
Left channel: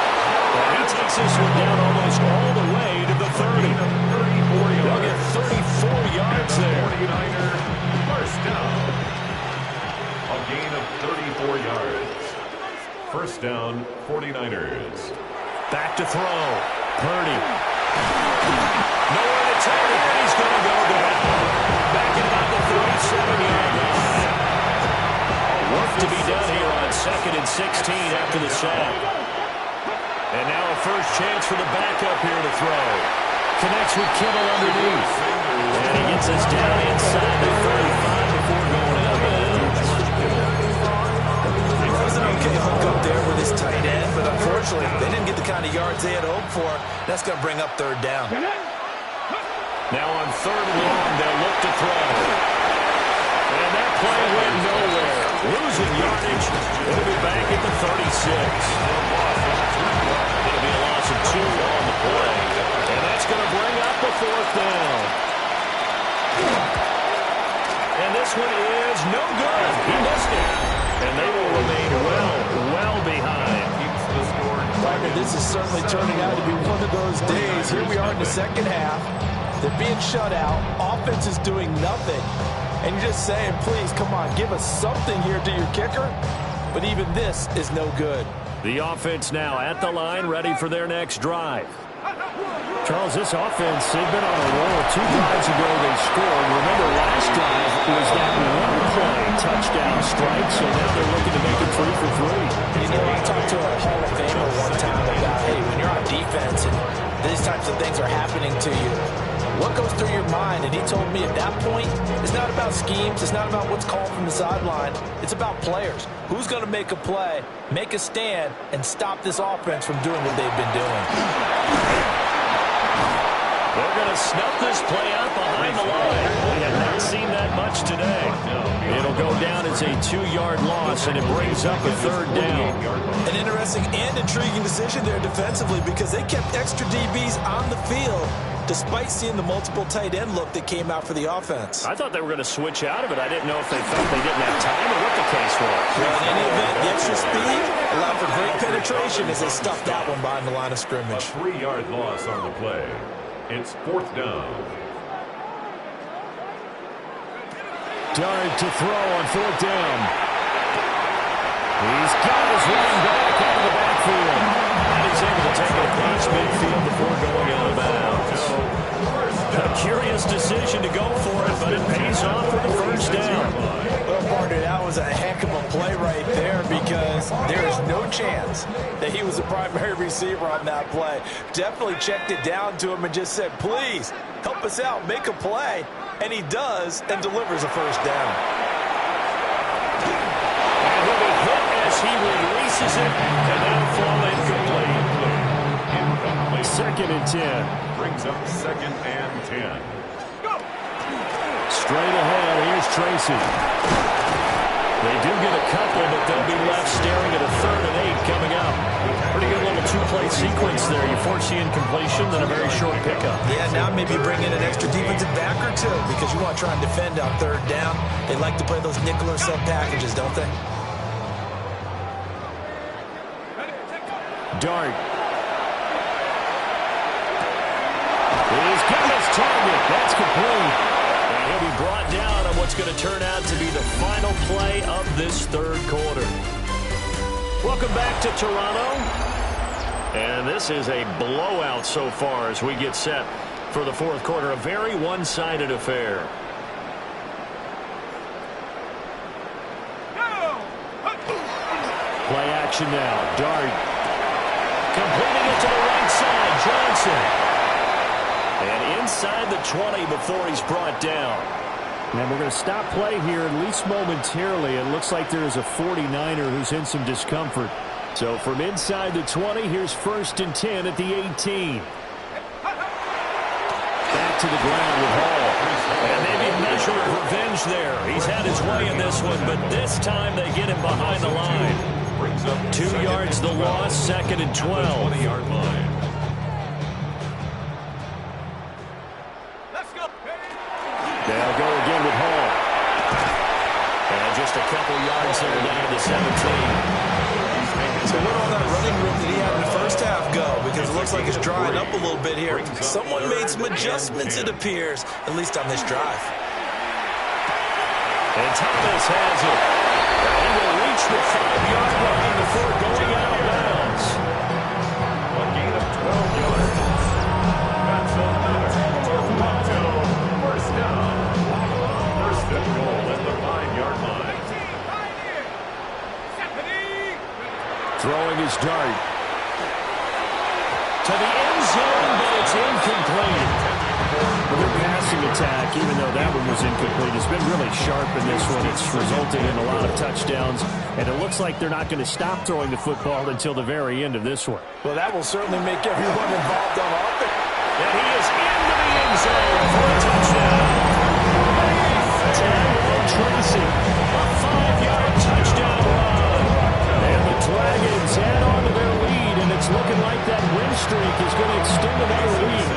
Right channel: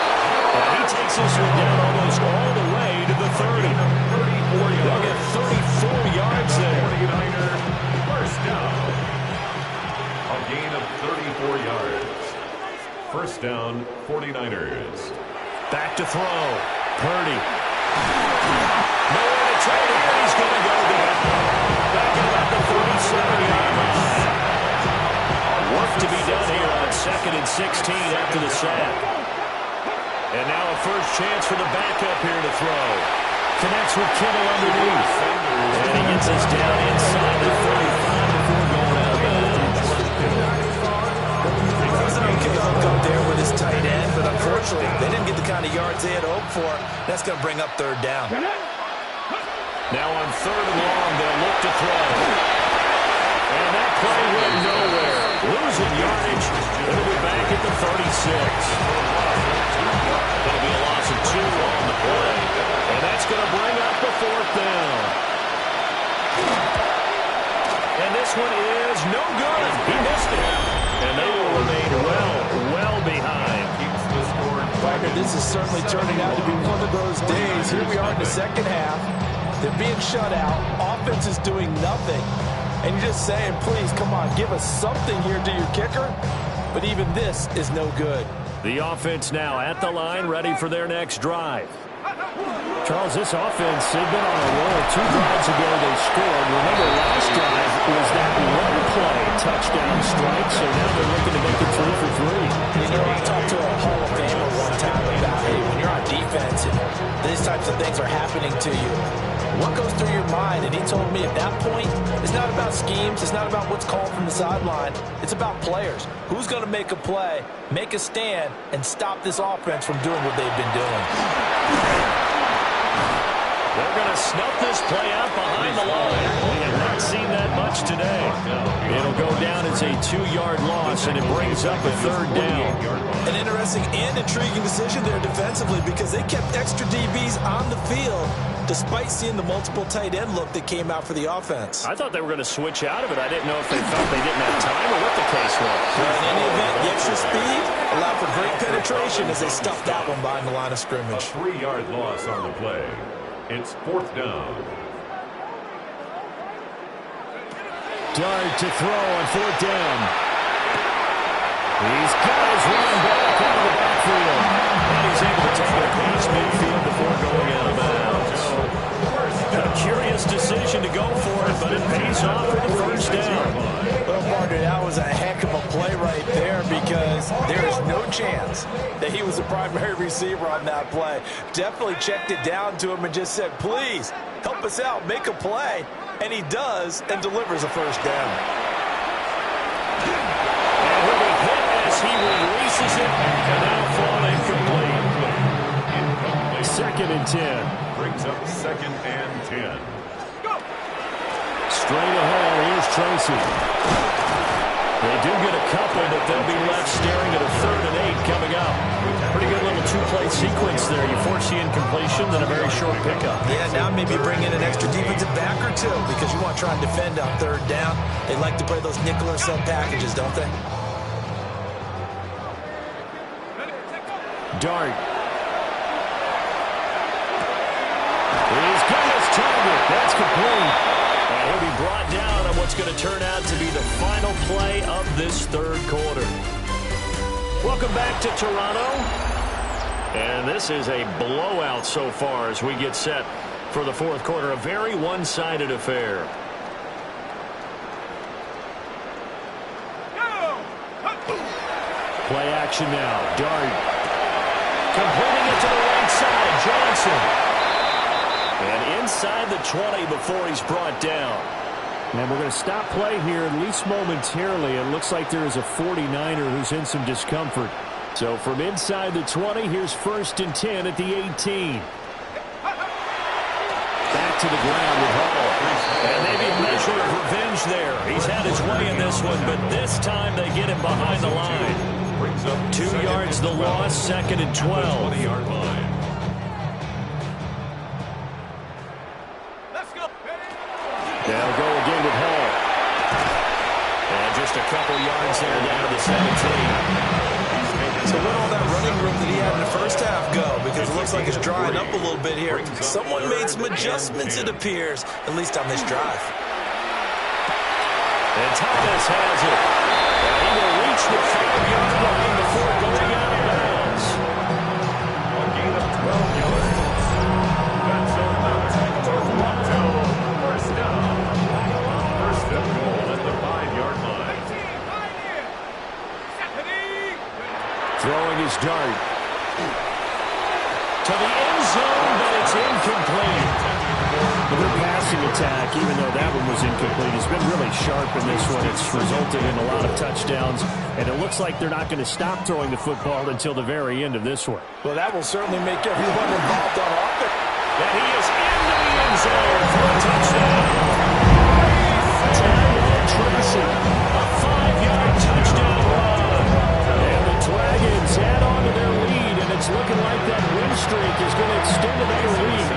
And he takes this one down almost all the way to the 30. They'll get 34 yards there. 49er first down. A gain of 34 yards. First down, 49ers. Back to throw. Purdy. Nowhere to turn here, and he's going to go down. Back at about the 37-yard line. Work to be done here on 2nd and 16 after the sack. And now a first chance for the backup here to throw. Connects with Kittle underneath. And he gets us down inside the 35 before going out of bounds. It was an okay hook up there with his tight end, but unfortunately, they didn't get the kind of yards they had hoped for. That's going to bring up third down. Now on 3rd and long, they'll look to throw. And that play went nowhere. Losing yardage. It'll be back at the 36. It'll be a loss of 2 on the play. And that's going to bring up a 4th down. And this one is no good. He missed it. And they will remain well behind. Wagner, this is certainly turning out to be one of those days. Here we are in the second half. They're being shut out. Offense is doing nothing. And you're just saying, please, come on, give us something here to your kicker. But even this is no good. The offense now at the line, ready for their next drive. Charles, this offense, they've been on a roll. 2 drives ago they scored. Remember, last drive was that one-play touchdown strike, so now they're looking to make it 3 for 3. You know, I talked to a Hall of Famer one time about, hey, when you're on defense and these types of things are happening to you, what goes through your mind? And he told me at that point, it's not about schemes. It's not about what's called from the sideline. It's about players. Who's going to make a play, make a stand, and stop this offense from doing what they've been doing? They're going to snuff this play out behind the line. We have not seen that much today. It'll go down as a 2-yard loss, and it brings up a 3rd down. An interesting and intriguing decision there defensively because they kept extra DBs on the field despite seeing the multiple tight end look that came out for the offense. I thought they were going to switch out of it. I didn't know if they felt they didn't have time or what the case was. Well, in any event, the extra speed allowed for great penetration as they stuffed that one behind the line of scrimmage. A 3-yard loss on the play. It's 4th down. Dart to throw on 4th down. He's got his running back out of the backfield. And he's able to take it across midfield before going out of bounds. A curious decision to go for it, but it pays off for the 1st down. Well, partner, that was a heck of a play right there because there is no chance that he was the primary receiver on that play. Definitely checked it down to him and just said, please, help us out, make a play. And he does and delivers a 1st down. And he'll be hit as he releases it, and that'll fall incomplete. 2nd and 10. Brings up 2nd and 10. Straight ahead, here's Tracy. They do get a couple, but they'll be left staring at a 3rd and 8 coming up. Pretty good little 2-play sequence there. You force the incompletion, then a very short pickup. Yeah, now maybe bring in an extra defensive back or two because you want to try and defend on 3rd down. They like to play those nickel or sub packages, don't they? Dart. He's got his target. That's complete. And he'll be brought down on what's going to turn out to be the final play of this 3rd quarter. Welcome back to Toronto. And this is a blowout so far as we get set for the 4th quarter. A very one-sided affair. Play action now. Dart. Completing it to the right side. Johnson. And inside the 20 before he's brought down. And we're going to stop play here, at least momentarily. It looks like there is a 49er who's in some discomfort. So from inside the 20, here's 1st and 10 at the 18. Back to the ground with Hall. And maybe a measure of revenge there. He's had his way in this one, but this time they get him behind the line. 2 yards the loss, 2nd and 12. 20-yard line. They'll go again with Hall. And just a couple yards there down to the 17. So where all that running room that he had in the 1st half go? Because it looks like it's drying up a little bit here. Someone made some adjustments, it appears, at least on this drive. And Thomas has it. And he will reach the 5-yard line before going out of bounds. A gain of 12 yards. That's another Toronto 1st down. 1st and goal at the 5-yard line. Throwing his Dart. To the end zone, but it's incomplete. Well, their passing attack, even though that one was incomplete, has been really sharp in this one. It's resulted in a lot of touchdowns, and it looks like they're not going to stop throwing the football until the very end of this one. Well, that will certainly make everyone involved on offense. And he is into the end zone for a touchdown. Tyrone Tracy. A 5-yard touchdown run. And the Dragons add on to their lead, and it's looking like that win streak is going to extend another week.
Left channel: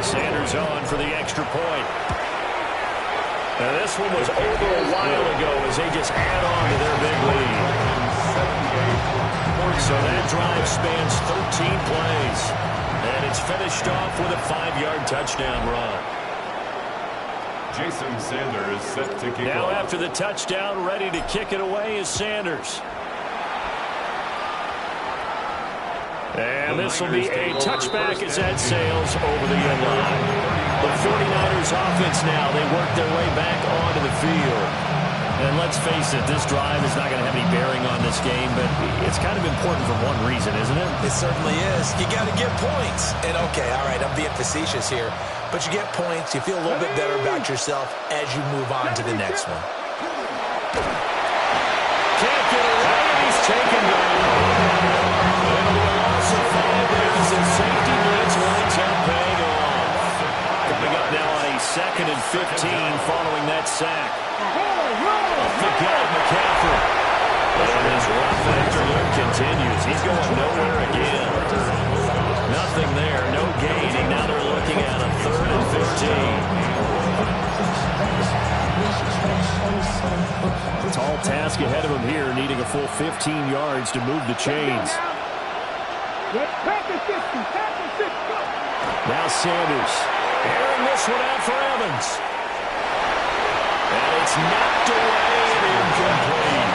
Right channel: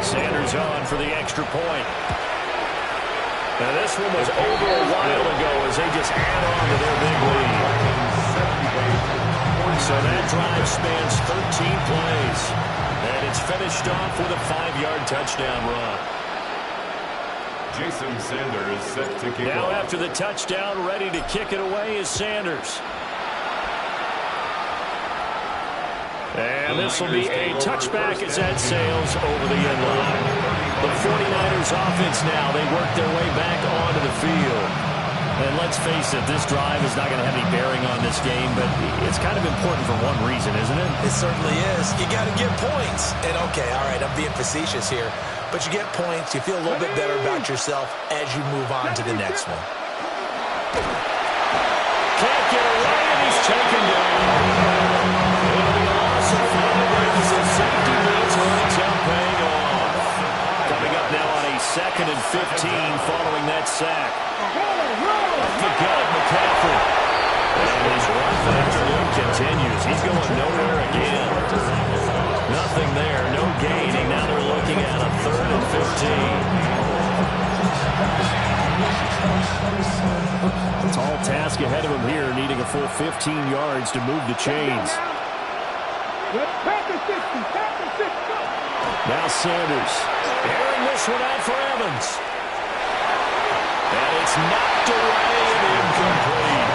Sanders on for the extra point. Now this one was over a while ago as they just add on to their big lead. So that drive spans 13 plays. And it's finished off with a 5-yard touchdown run. Jason Sanders set to kick Now off. after the touchdown, ready to kick it away is Sanders. And this will be a touchback as that sails over the end line. The 49ers offense now, they work their way back onto the field. And let's face it, this drive is not going to have any bearing on this game, but it's kind of important for one reason, isn't it? It certainly is. You got to get points. And okay, all right, I'm being facetious here, but you get points, you feel a little bit better about yourself as you move on to the next one. Can't get away, and he's taken down. It'll be a loss of 5 as the safety blitz winds up paying off. Coming up now on a 2nd and 15 following that sack. Off the gut, McCaffrey. And his rough afternoon continues. He's going nowhere again. Nothing there, no gaining. Now they're looking at a 3rd and 15. Tall task ahead of him here, needing a full 15 yards to move the chains. Now Sanders airing this one out for Evans. And it's knocked away and incomplete.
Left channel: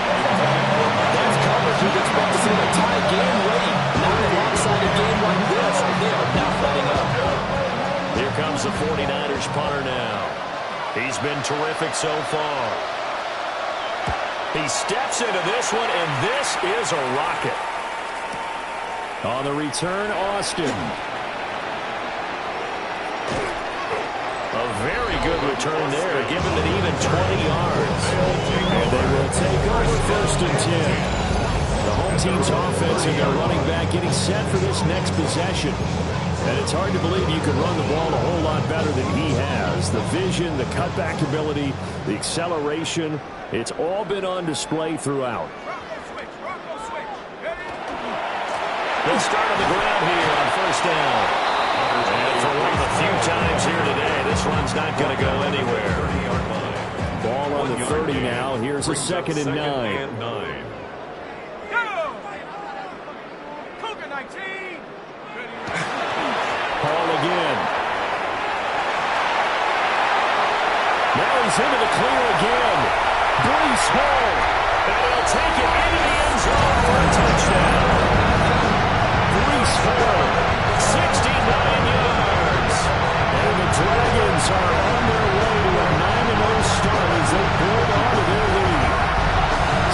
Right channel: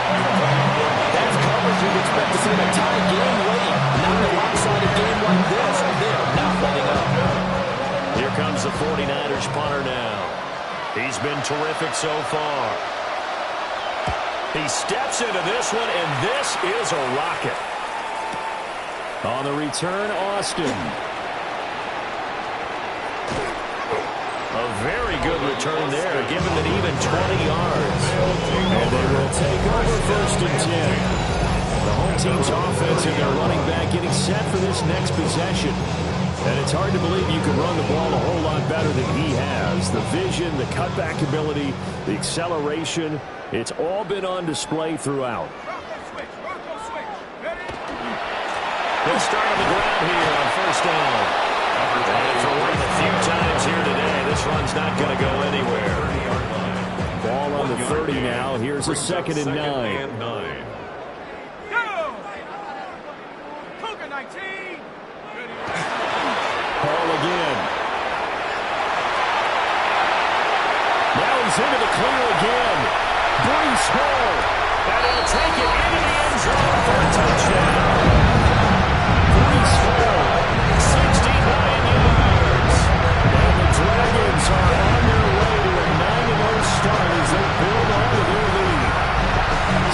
That's coverage you'd expect to see in a tie game late. Not in a lopsided game like this. They are not letting up. Here comes the 49ers punter now. He's been terrific so far. He steps into this one, and this is a rocket. On the return, Austin. A very good return there, given an even 20 yards. And they will take over 1st and 10. The home team's offense and their running back getting set for this next possession. And it's hard to believe you can run the ball a whole lot better than he has. The vision, the cutback ability, the acceleration, it's all been on display throughout. They'll start on the ground here on 1st down. And for one of the few times here today, this run's not going to go anywhere. Ball on the 30 now. Here's a 2nd and 9. Cougar 19. Ball again. Now he's into the clear again. Breece Hall. And he'll take it into the end zone for a touchdown. Breece Hall, 69 yards. And the Dragons are on their way to a 9-0 start as they build on to their lead.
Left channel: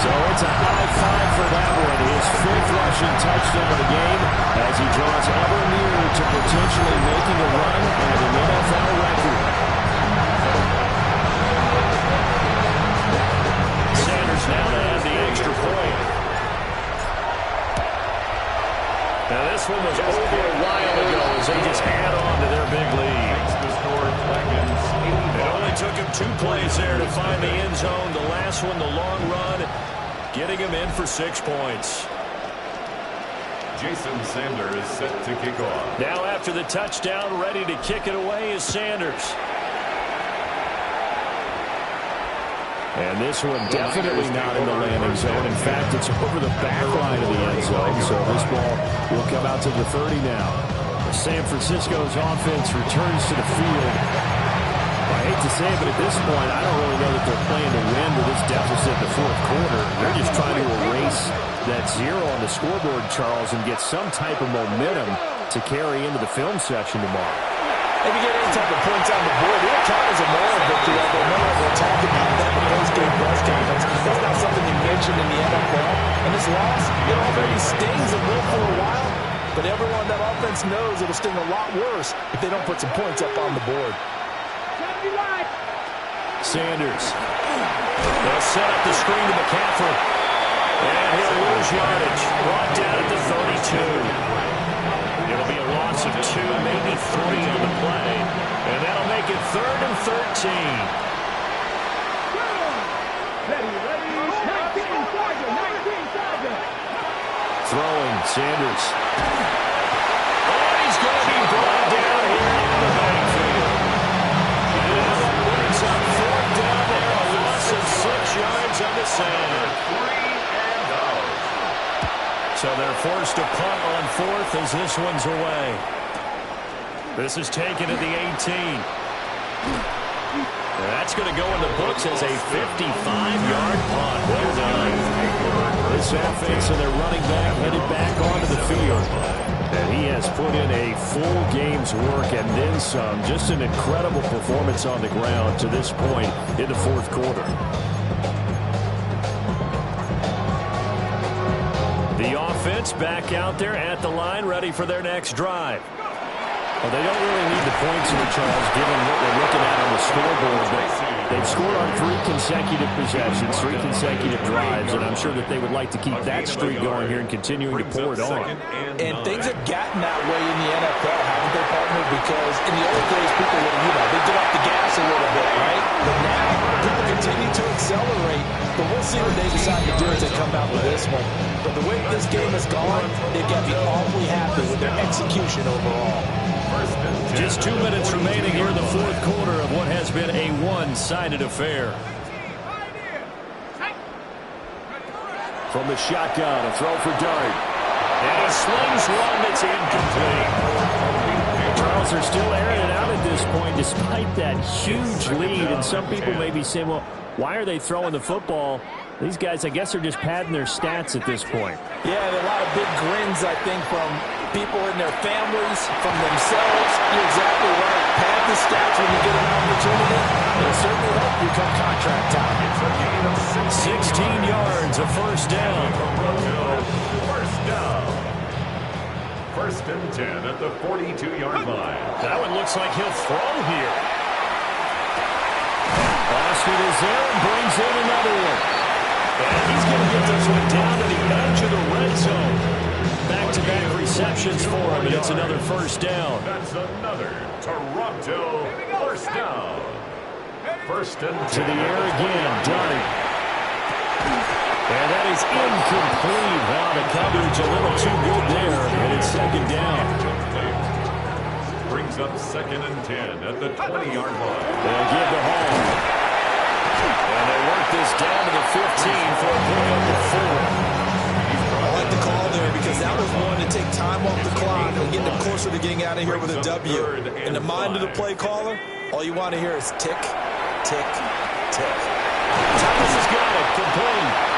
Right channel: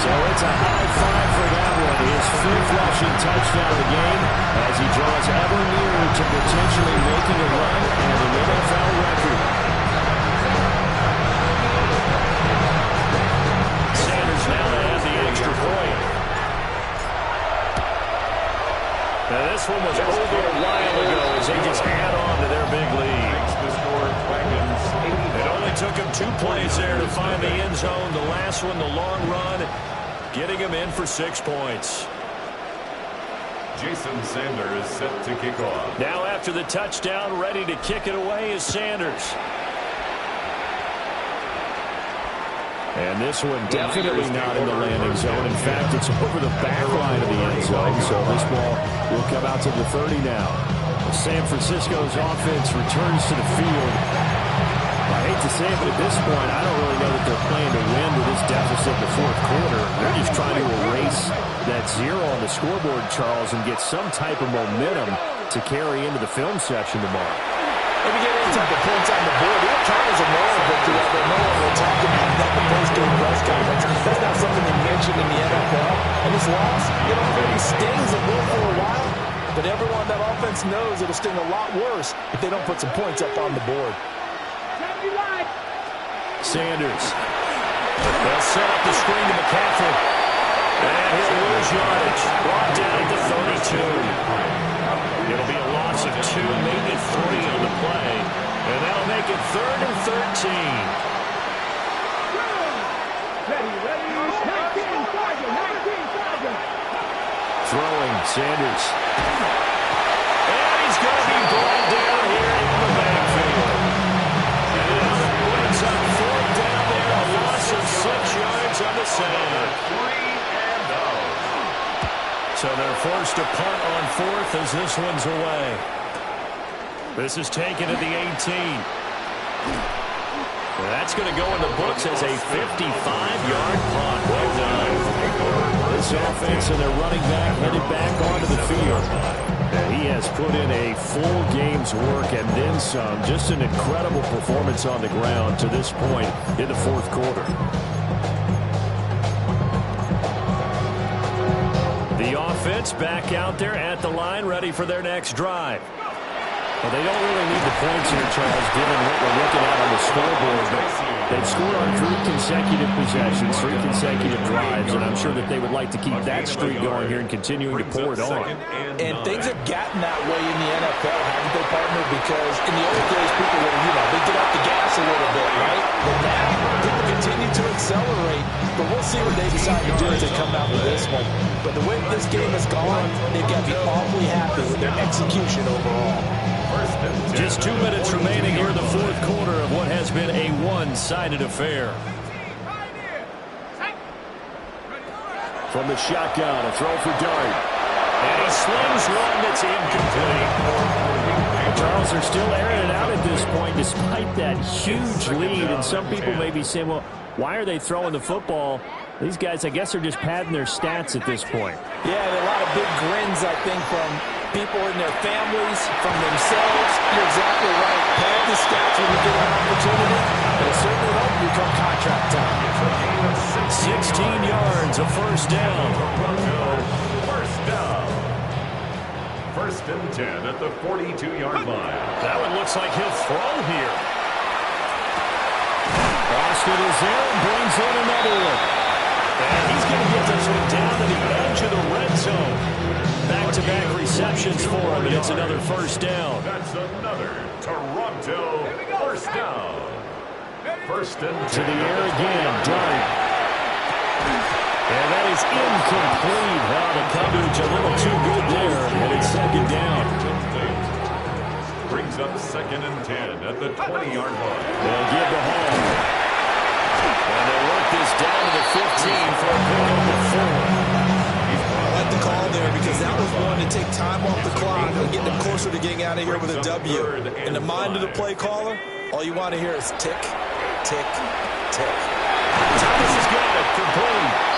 So it's a high five for that one. His 5th rushing touchdown of the game as he draws ever nearer to potentially making a run at an NFL record. Sanders now to add the extra point. Now this one was over a while ago as they just add on to their big lead. It only took him 2 plays there to find the end zone. The last one, the long run, getting him in for 6 points. Jason Sanders set to kick off. Now after the touchdown, ready to kick it away is Sanders. And this one definitely not in the landing zone. In fact, it's over the back line of the end zone. So this ball will come out to the 30 now. San Francisco's offense returns to the field. I hate to say it, but at this point, I don't really know that they're playing to win with this deficit in the 4th quarter. They're just trying to erase that 0 on the scoreboard, Charles, and get some type of momentum to carry into the film session tomorrow. If you get any type of points on the board, it'll count as a moral victory, although no one will talk about that in the post-game press conference. That's not something you mentioned in the NFL. And this loss, it already stings. It will for a while. But everyone on that offense knows it'll sting a lot worse if they don't put some points up on the board. Sanders. They'll set up the screen to McCaffrey. And he'll lose yardage. Brought down at the 32. It'll be a loss of 2, maybe 3 on the play. And that'll make it 3rd and 13. Throwing, Sanders. And he's going to be brought down here in the backfield. And now that brings up 4th down there, a loss of 6 yards on the sand. 3-0. So they're forced to punt on 4th as this one's away. This is taken at the 18. And that's going to go in the books as a 55-yard punt. Well done. This offense and their running back headed back onto the field. And he has put in a full game's work and then some. Just an incredible performance on the ground to this point in the 4th quarter. The offense back out there at the line, ready for their next drive. Well, they don't really need the points here, Charles, given what we're looking at on the scoreboard. But They've scored on 3 consecutive possessions, 3 consecutive drives, and I'm sure that they would like to keep that streak going here and continuing to pour it on. And things have gotten that way in the NFL, haven't they, partner? Because in the old days, people would, they get off the gas a little bit, right? But now, people continue to accelerate. But we'll see what they decide to do as they come out with this one. But the way this game has gone, they've got to be awfully happy with their execution overall. Just 2 minutes remaining here in the fourth quarter of what has been a one-sided affair. From the shotgun, a throw for Dart. And he slings one that's incomplete. Charles, they're still airing it out at this point despite that huge lead. And some people may be saying, well, why are they throwing the football? These guys, I guess, are just padding their stats at this point. Yeah, a lot of big grins, I think, from people in their families, from themselves. You're exactly right. Pad the stats when you get an opportunity. It'll certainly help you come contract time. It's a gain of 16 yards, a first down. First down. First and 10 at the 42-yard line. That one looks like he'll throw here. Boston is there and brings in another one. And he's going to get this one down to the edge of the red zone. Back-to-back receptions for him, and it's another first down. That's another Toronto first down. First and 10. To the air again, Dart. And that is incomplete. The coverage a little too good there, and it's second down. Brings up second and 10 at the 20-yard line. They'll give to Hall. And they work this down to the 15 for a pickup of 4. I like the call there because that was one to take time off the clock and get them closer to getting out of here with a W. In the mind of the play caller, all you want to hear is tick, tick, tick. Thomas has got it complete.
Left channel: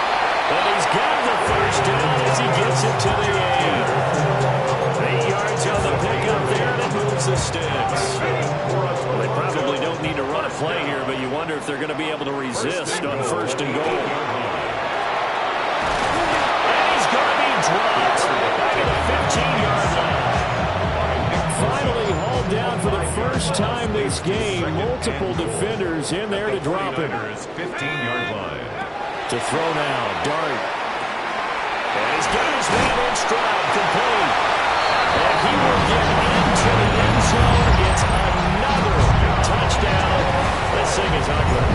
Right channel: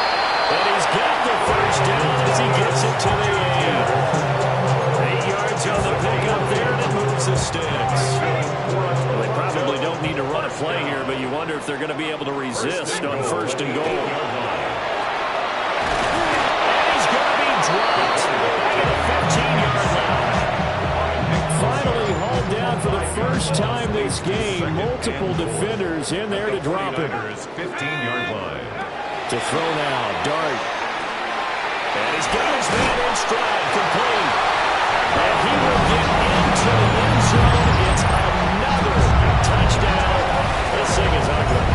And he's got the first down as he gets it to the 8. 8 yards on the pickup there, and it moves the sticks. Well, they probably don't need to run a play here, but you wonder if they're going to be able to resist on first and goal. And he's going to be dropped back at the 15-yard line. Finally hauled down for the first time this game. Multiple defenders in there to drop him. 15-yard line. To throw now, Dart. And he's got his man in stride, complete. And he will get into the end zone. It's another touchdown. This thing is ugly.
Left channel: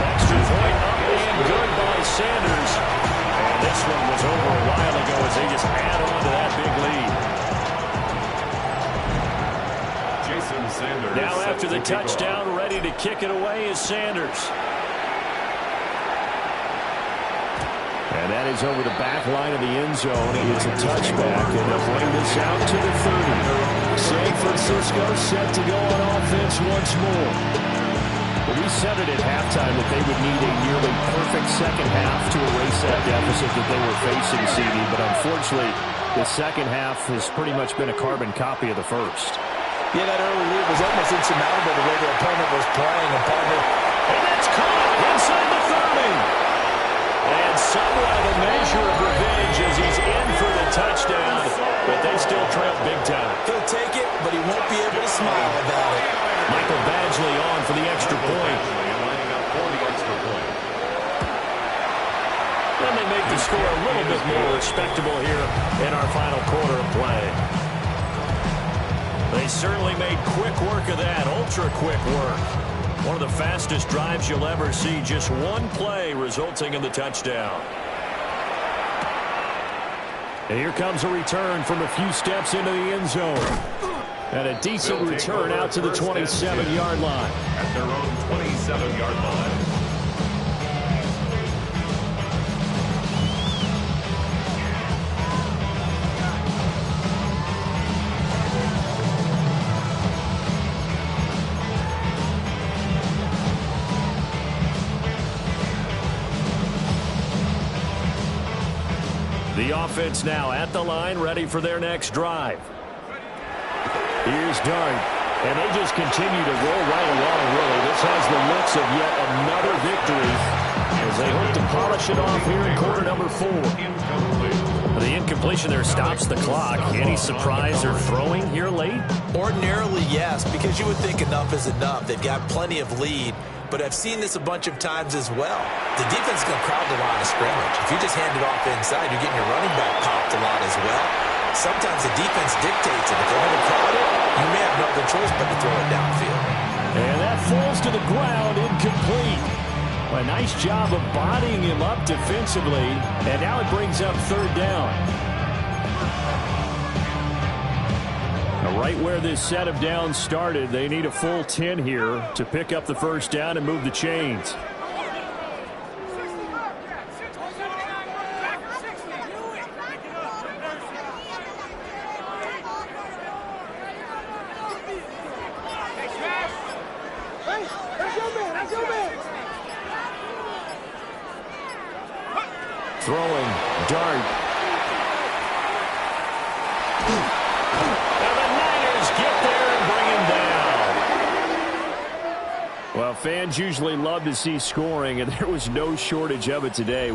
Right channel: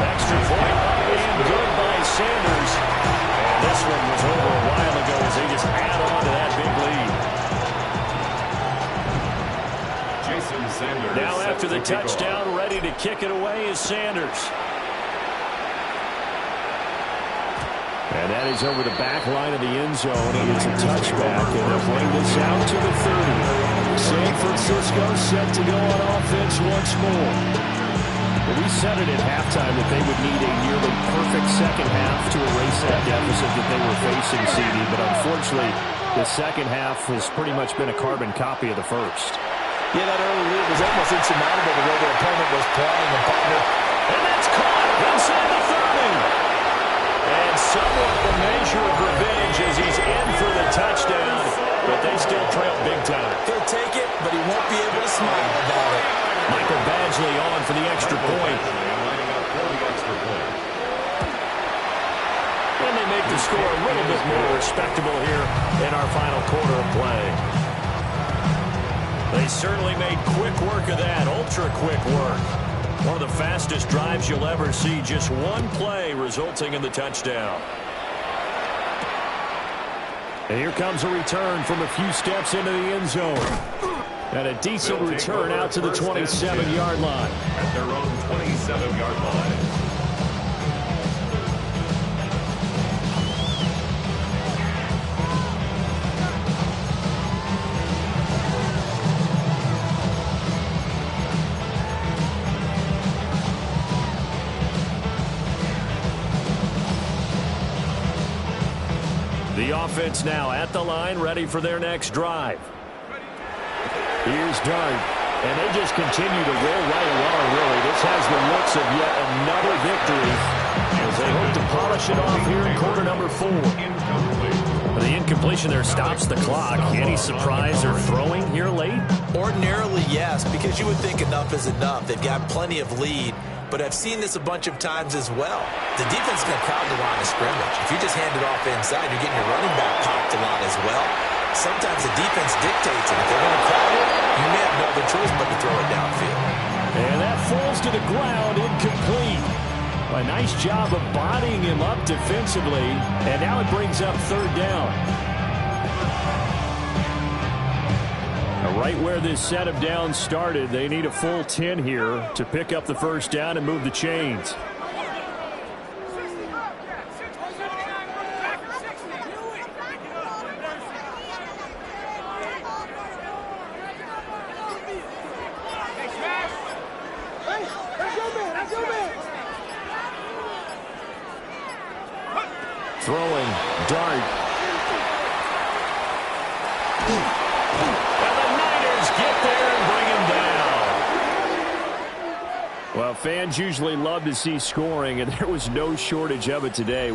Extra point up and good by Sanders. And this one was over a while ago as they just add on to that big lead. Jason Sanders. Now after the touchdown, ready to kick it away is Sanders. And that is over the back line of the end zone. He gets a touchback, and they'll bring this out to the 30. San Francisco set to go on offense once more. Well, we said it at halftime that they would need a nearly perfect second half to erase that deficit that they were facing, CD. But unfortunately, the second half has pretty much been a carbon copy of the first. Yeah, that early lead was almost insurmountable the way their opponent was playing, a partner. And that's caught inside the 30. And somewhat of a measure of revenge as he's in for the touchdown, but they still trail big time. He'll take it, but he won't be able to smile about it. Michael Badgley on for the extra point. Lining up for the extra point. And they make the score a little bit more respectable here in our final quarter of play. They certainly made quick work of that, ultra-quick work. One of the fastest drives you'll ever see, just one play resulting in the touchdown. And here comes a return from a few steps into the end zone. And a decent return out to the 27-yard line. At their own 27-yard line. The offense now at the line, ready for their next drive. Here's Dart. And they just continue to roll right along, really. This has the looks of yet another victory as they hope to polish it off here in quarter number 4. The incompletion there stops the clock. Any surprise or throwing here late? Ordinarily, yes, because you would think enough is enough. They've got plenty of lead, but I've seen this a bunch of times as well. The defense is going to crowd the line of scrimmage. If you just hand it off inside, you're getting your running back popped a lot as well. Sometimes the defense dictates it. If they're going to crowd it, you may have no other choice but to throw it downfield. And that falls to the ground, incomplete. A nice job of bodying him up defensively, and now it brings up third down. Now, right where this set of downs started, they need a full 10 here to pick up the first down and move the chains. Throwing, dart. Now the Niners get there and bring him down. Well, fans usually love to see scoring, and there was no shortage of it today.